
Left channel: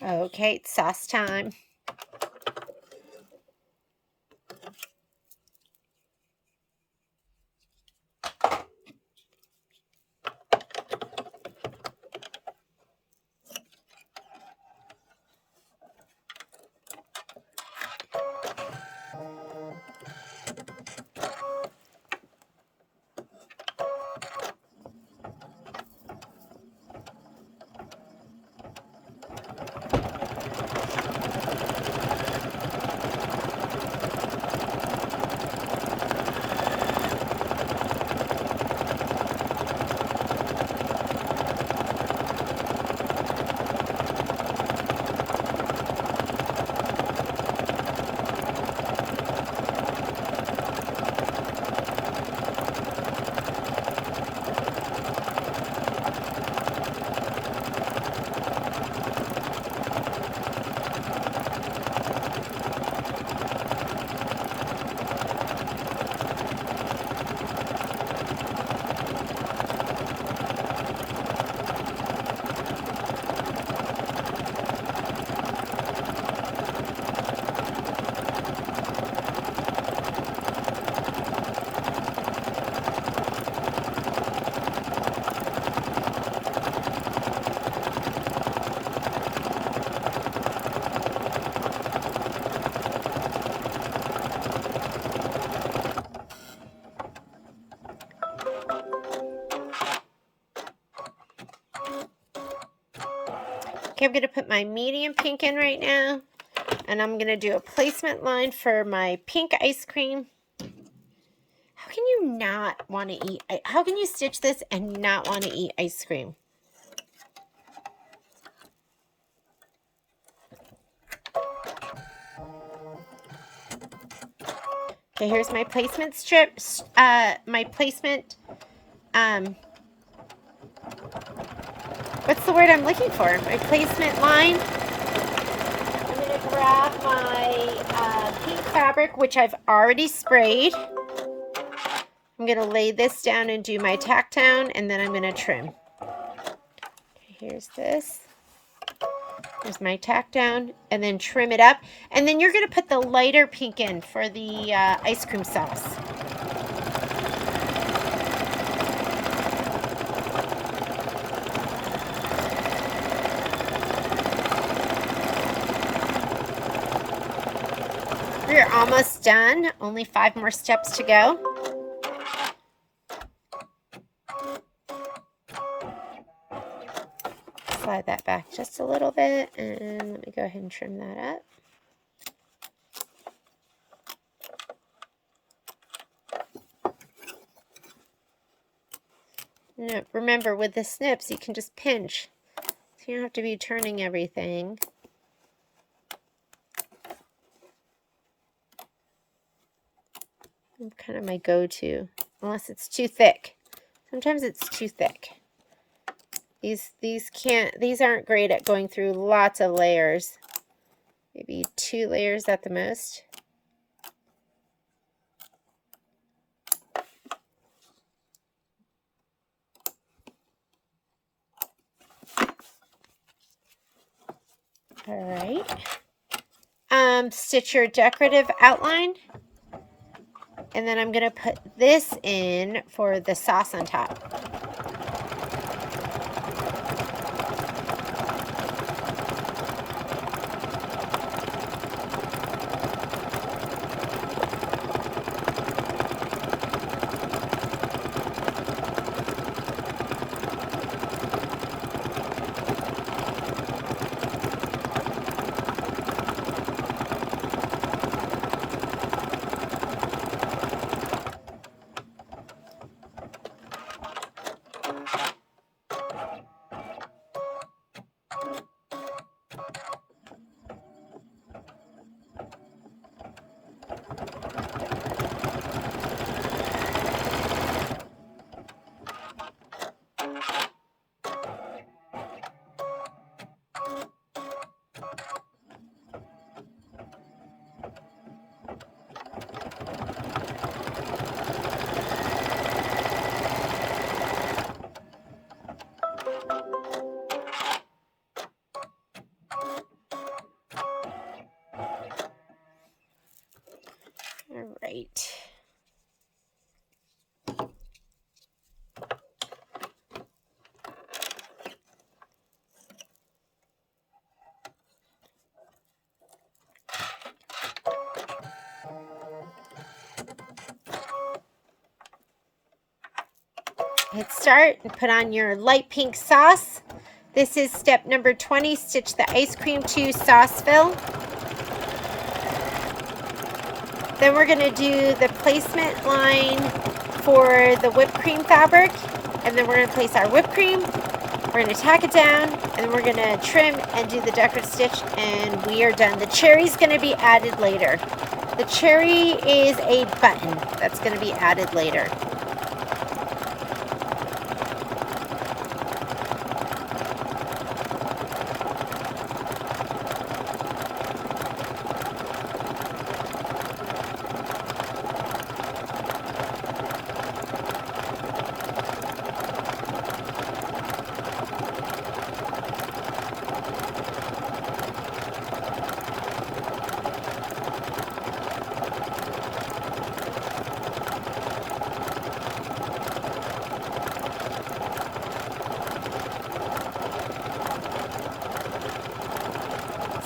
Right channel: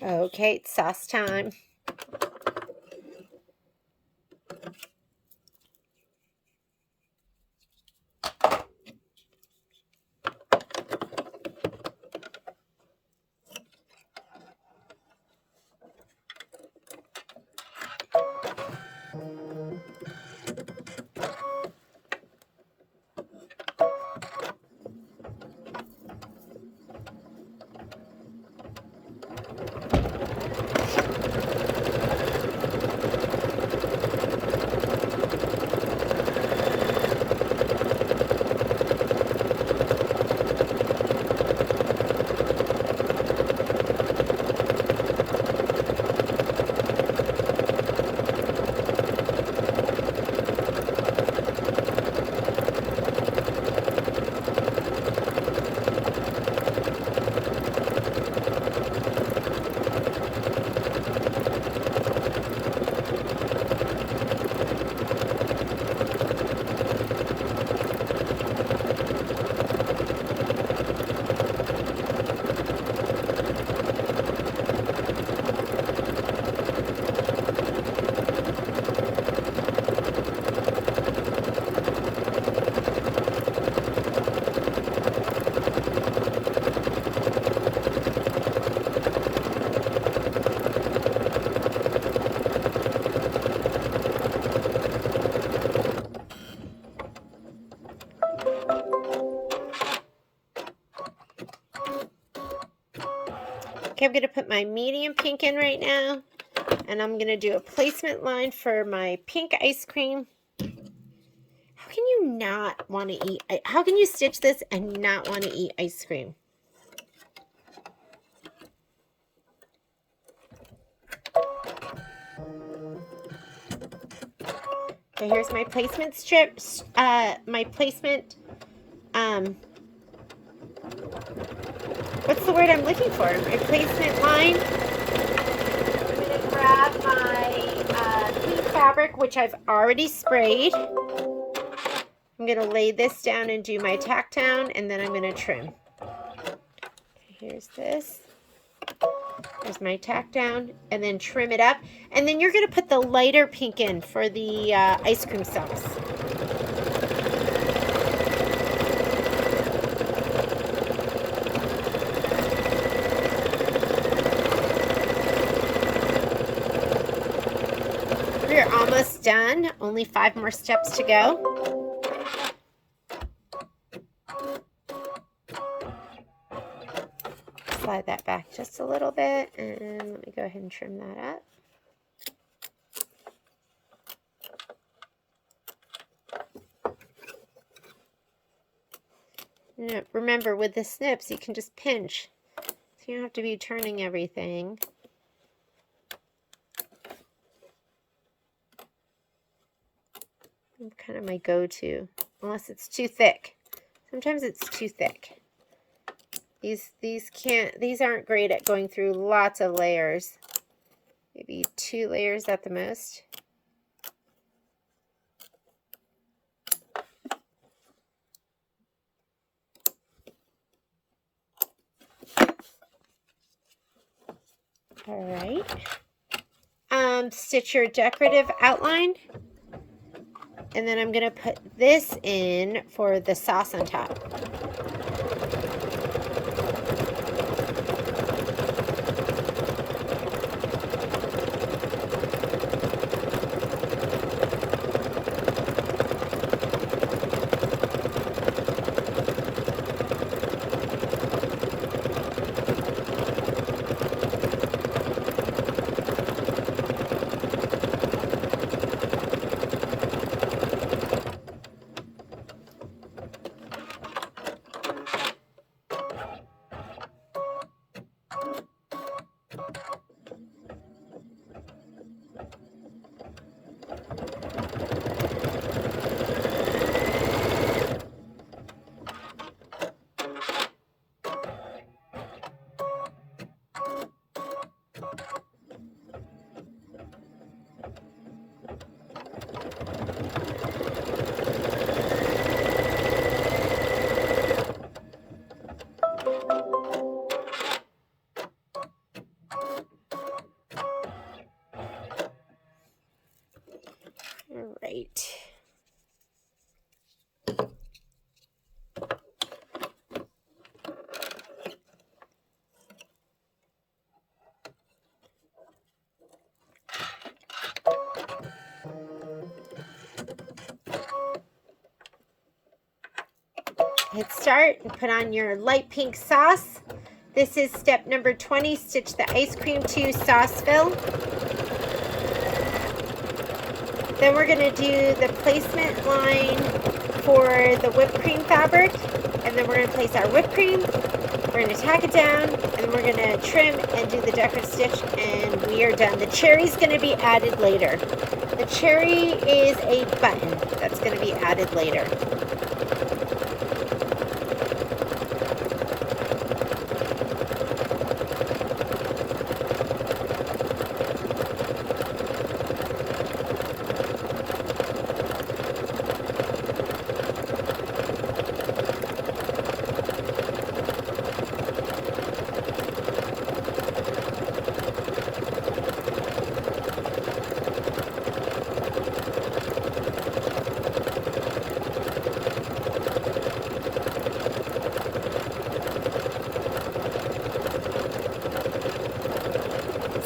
Okay, it's sauce time. Okay, I'm going to put my medium pink in right now, and I'm going to do a placement line for my pink ice cream. How can you not want to eat? How can you stitch this and not want to eat ice cream? Okay, here's my placement strip, my placement, what's the word I'm looking for? My placement line. Grab my pink fabric, which I've already sprayed. I'm going to lay this down and do my tack down, and then I'm going to trim. Here's this. There's my tack down, and then trim it up. And then you're going to put the lighter pink in for the ice cream sauce. We're almost done. Only 5 more steps to go. Slide that back just a little bit, and let me go ahead and trim that up. Now, remember, with the snips, you can just pinch. So you don't have to be turning everything. kind of my go-to, unless it's too thick. Sometimes it's too thick. These aren't great at going through lots of layers. Maybe 2 layers at the most. All right. Stitch your decorative outline. And then I'm going to put this in for the sauce on top. All right. Hit start and put on your light pink sauce. This is step number 20. Stitch the ice cream to sauce fill. Then we're going to do the placement line for the whipped cream fabric. And then we're going to place our whipped cream. We're going to tack it down. And then we're going to trim and do the decorative stitch. And we are done. The cherry's going to be added later. The cherry is a button that's going to be added later.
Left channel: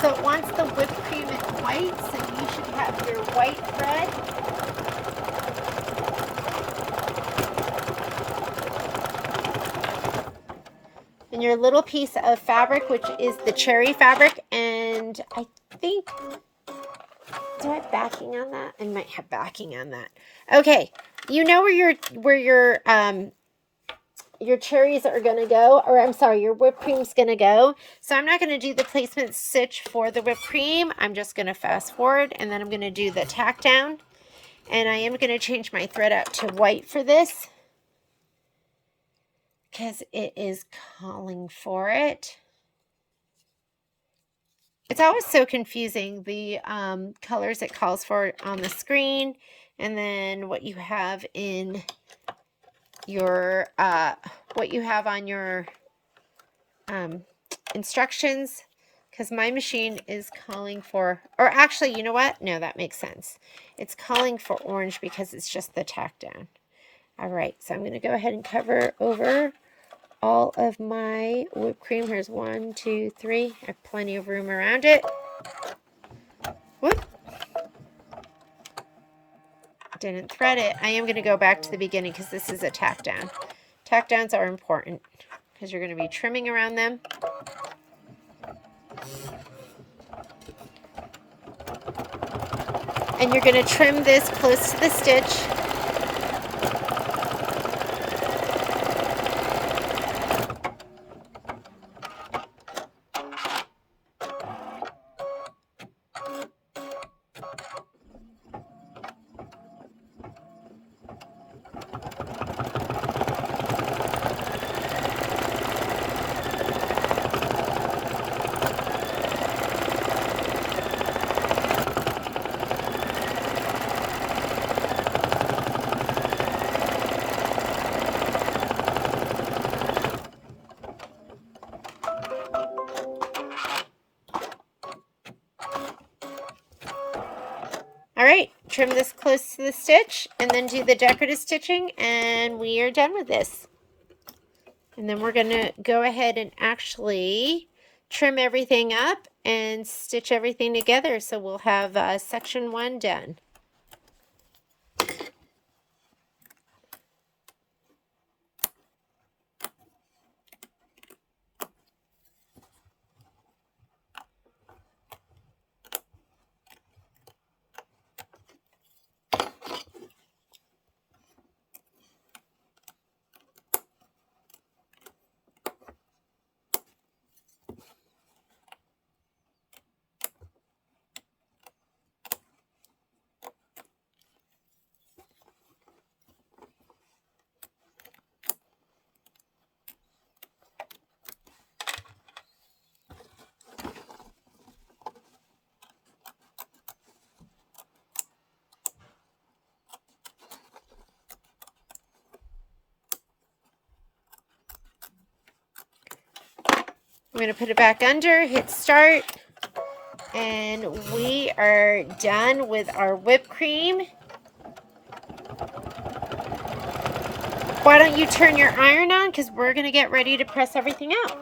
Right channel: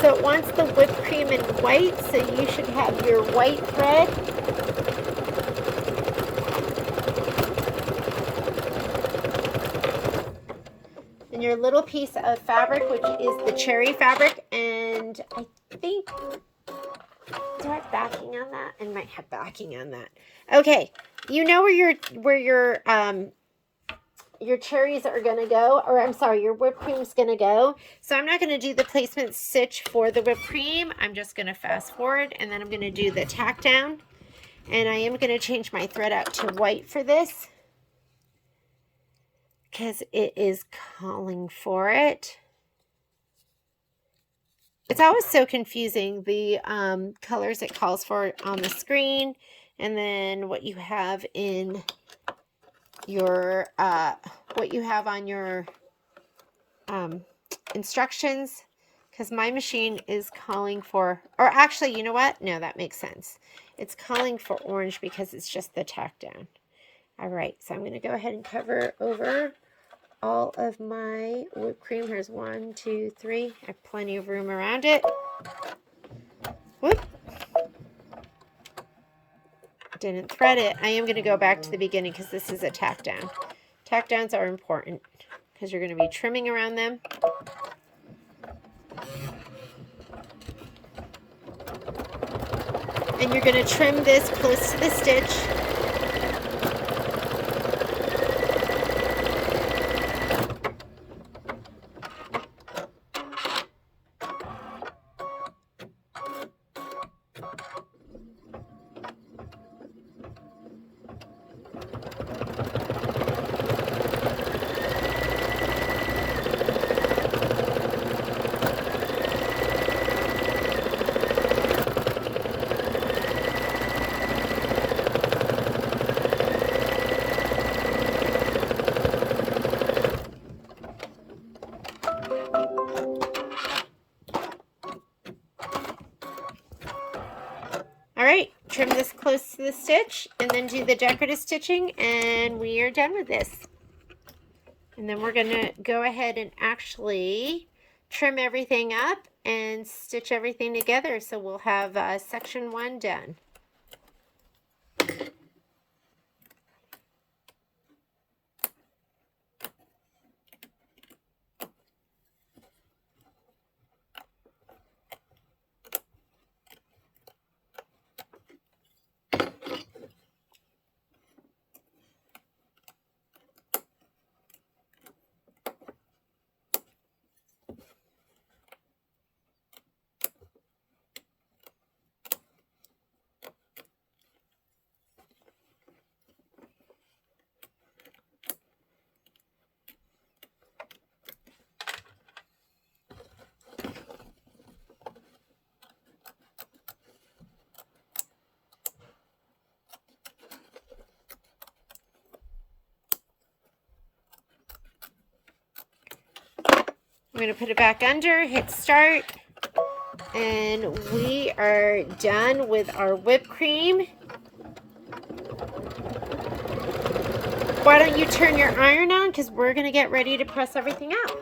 So it wants the whipped cream in white, so you should have your white thread. And your little piece of fabric, which is the cherry fabric. And I think, do I have backing on that? I might have backing on that. Okay, you know where your cherries are going to go, or I'm sorry, your whipped cream's going to go. So I'm not going to do the placement stitch for the whipped cream. I'm just going to fast forward, and then I'm going to do the tack down. And I am going to change my thread out to white for this, because it is calling for it. It's always so confusing, the colors it calls for on the screen, and then what you have in your what you have on your instructions, because my machine is calling for, or actually, you know what? No, that makes sense. It's calling for orange because it's just the tack down. All right, so I'm going to go ahead and cover over all of my whipped cream. Here's 1, 2, 3. I have plenty of room around it. Whoop. Didn't thread it. I am going to go back to the beginning because this is a tack down. Tack downs are important because you're going to be trimming around them. And you're going to trim this close to the stitch. trim this close to the stitch and then do the decorative stitching, and we are done with this. And then we're going to go ahead and actually trim everything up and stitch everything together, so we'll have section 1 done. I'm going to put it back under, hit start, and we are done with our whipped cream. Why don't you turn your iron on, because we're going to get ready to press everything out.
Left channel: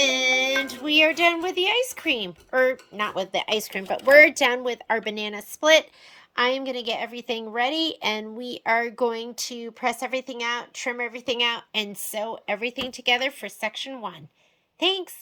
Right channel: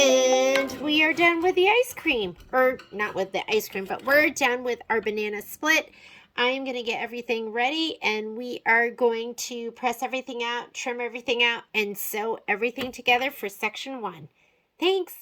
And we are done with the ice cream. Or not with the ice cream, but we're done with our banana split. I am going to get everything ready, and we are going to press everything out, trim everything out, and sew everything together for section 1. Thanks.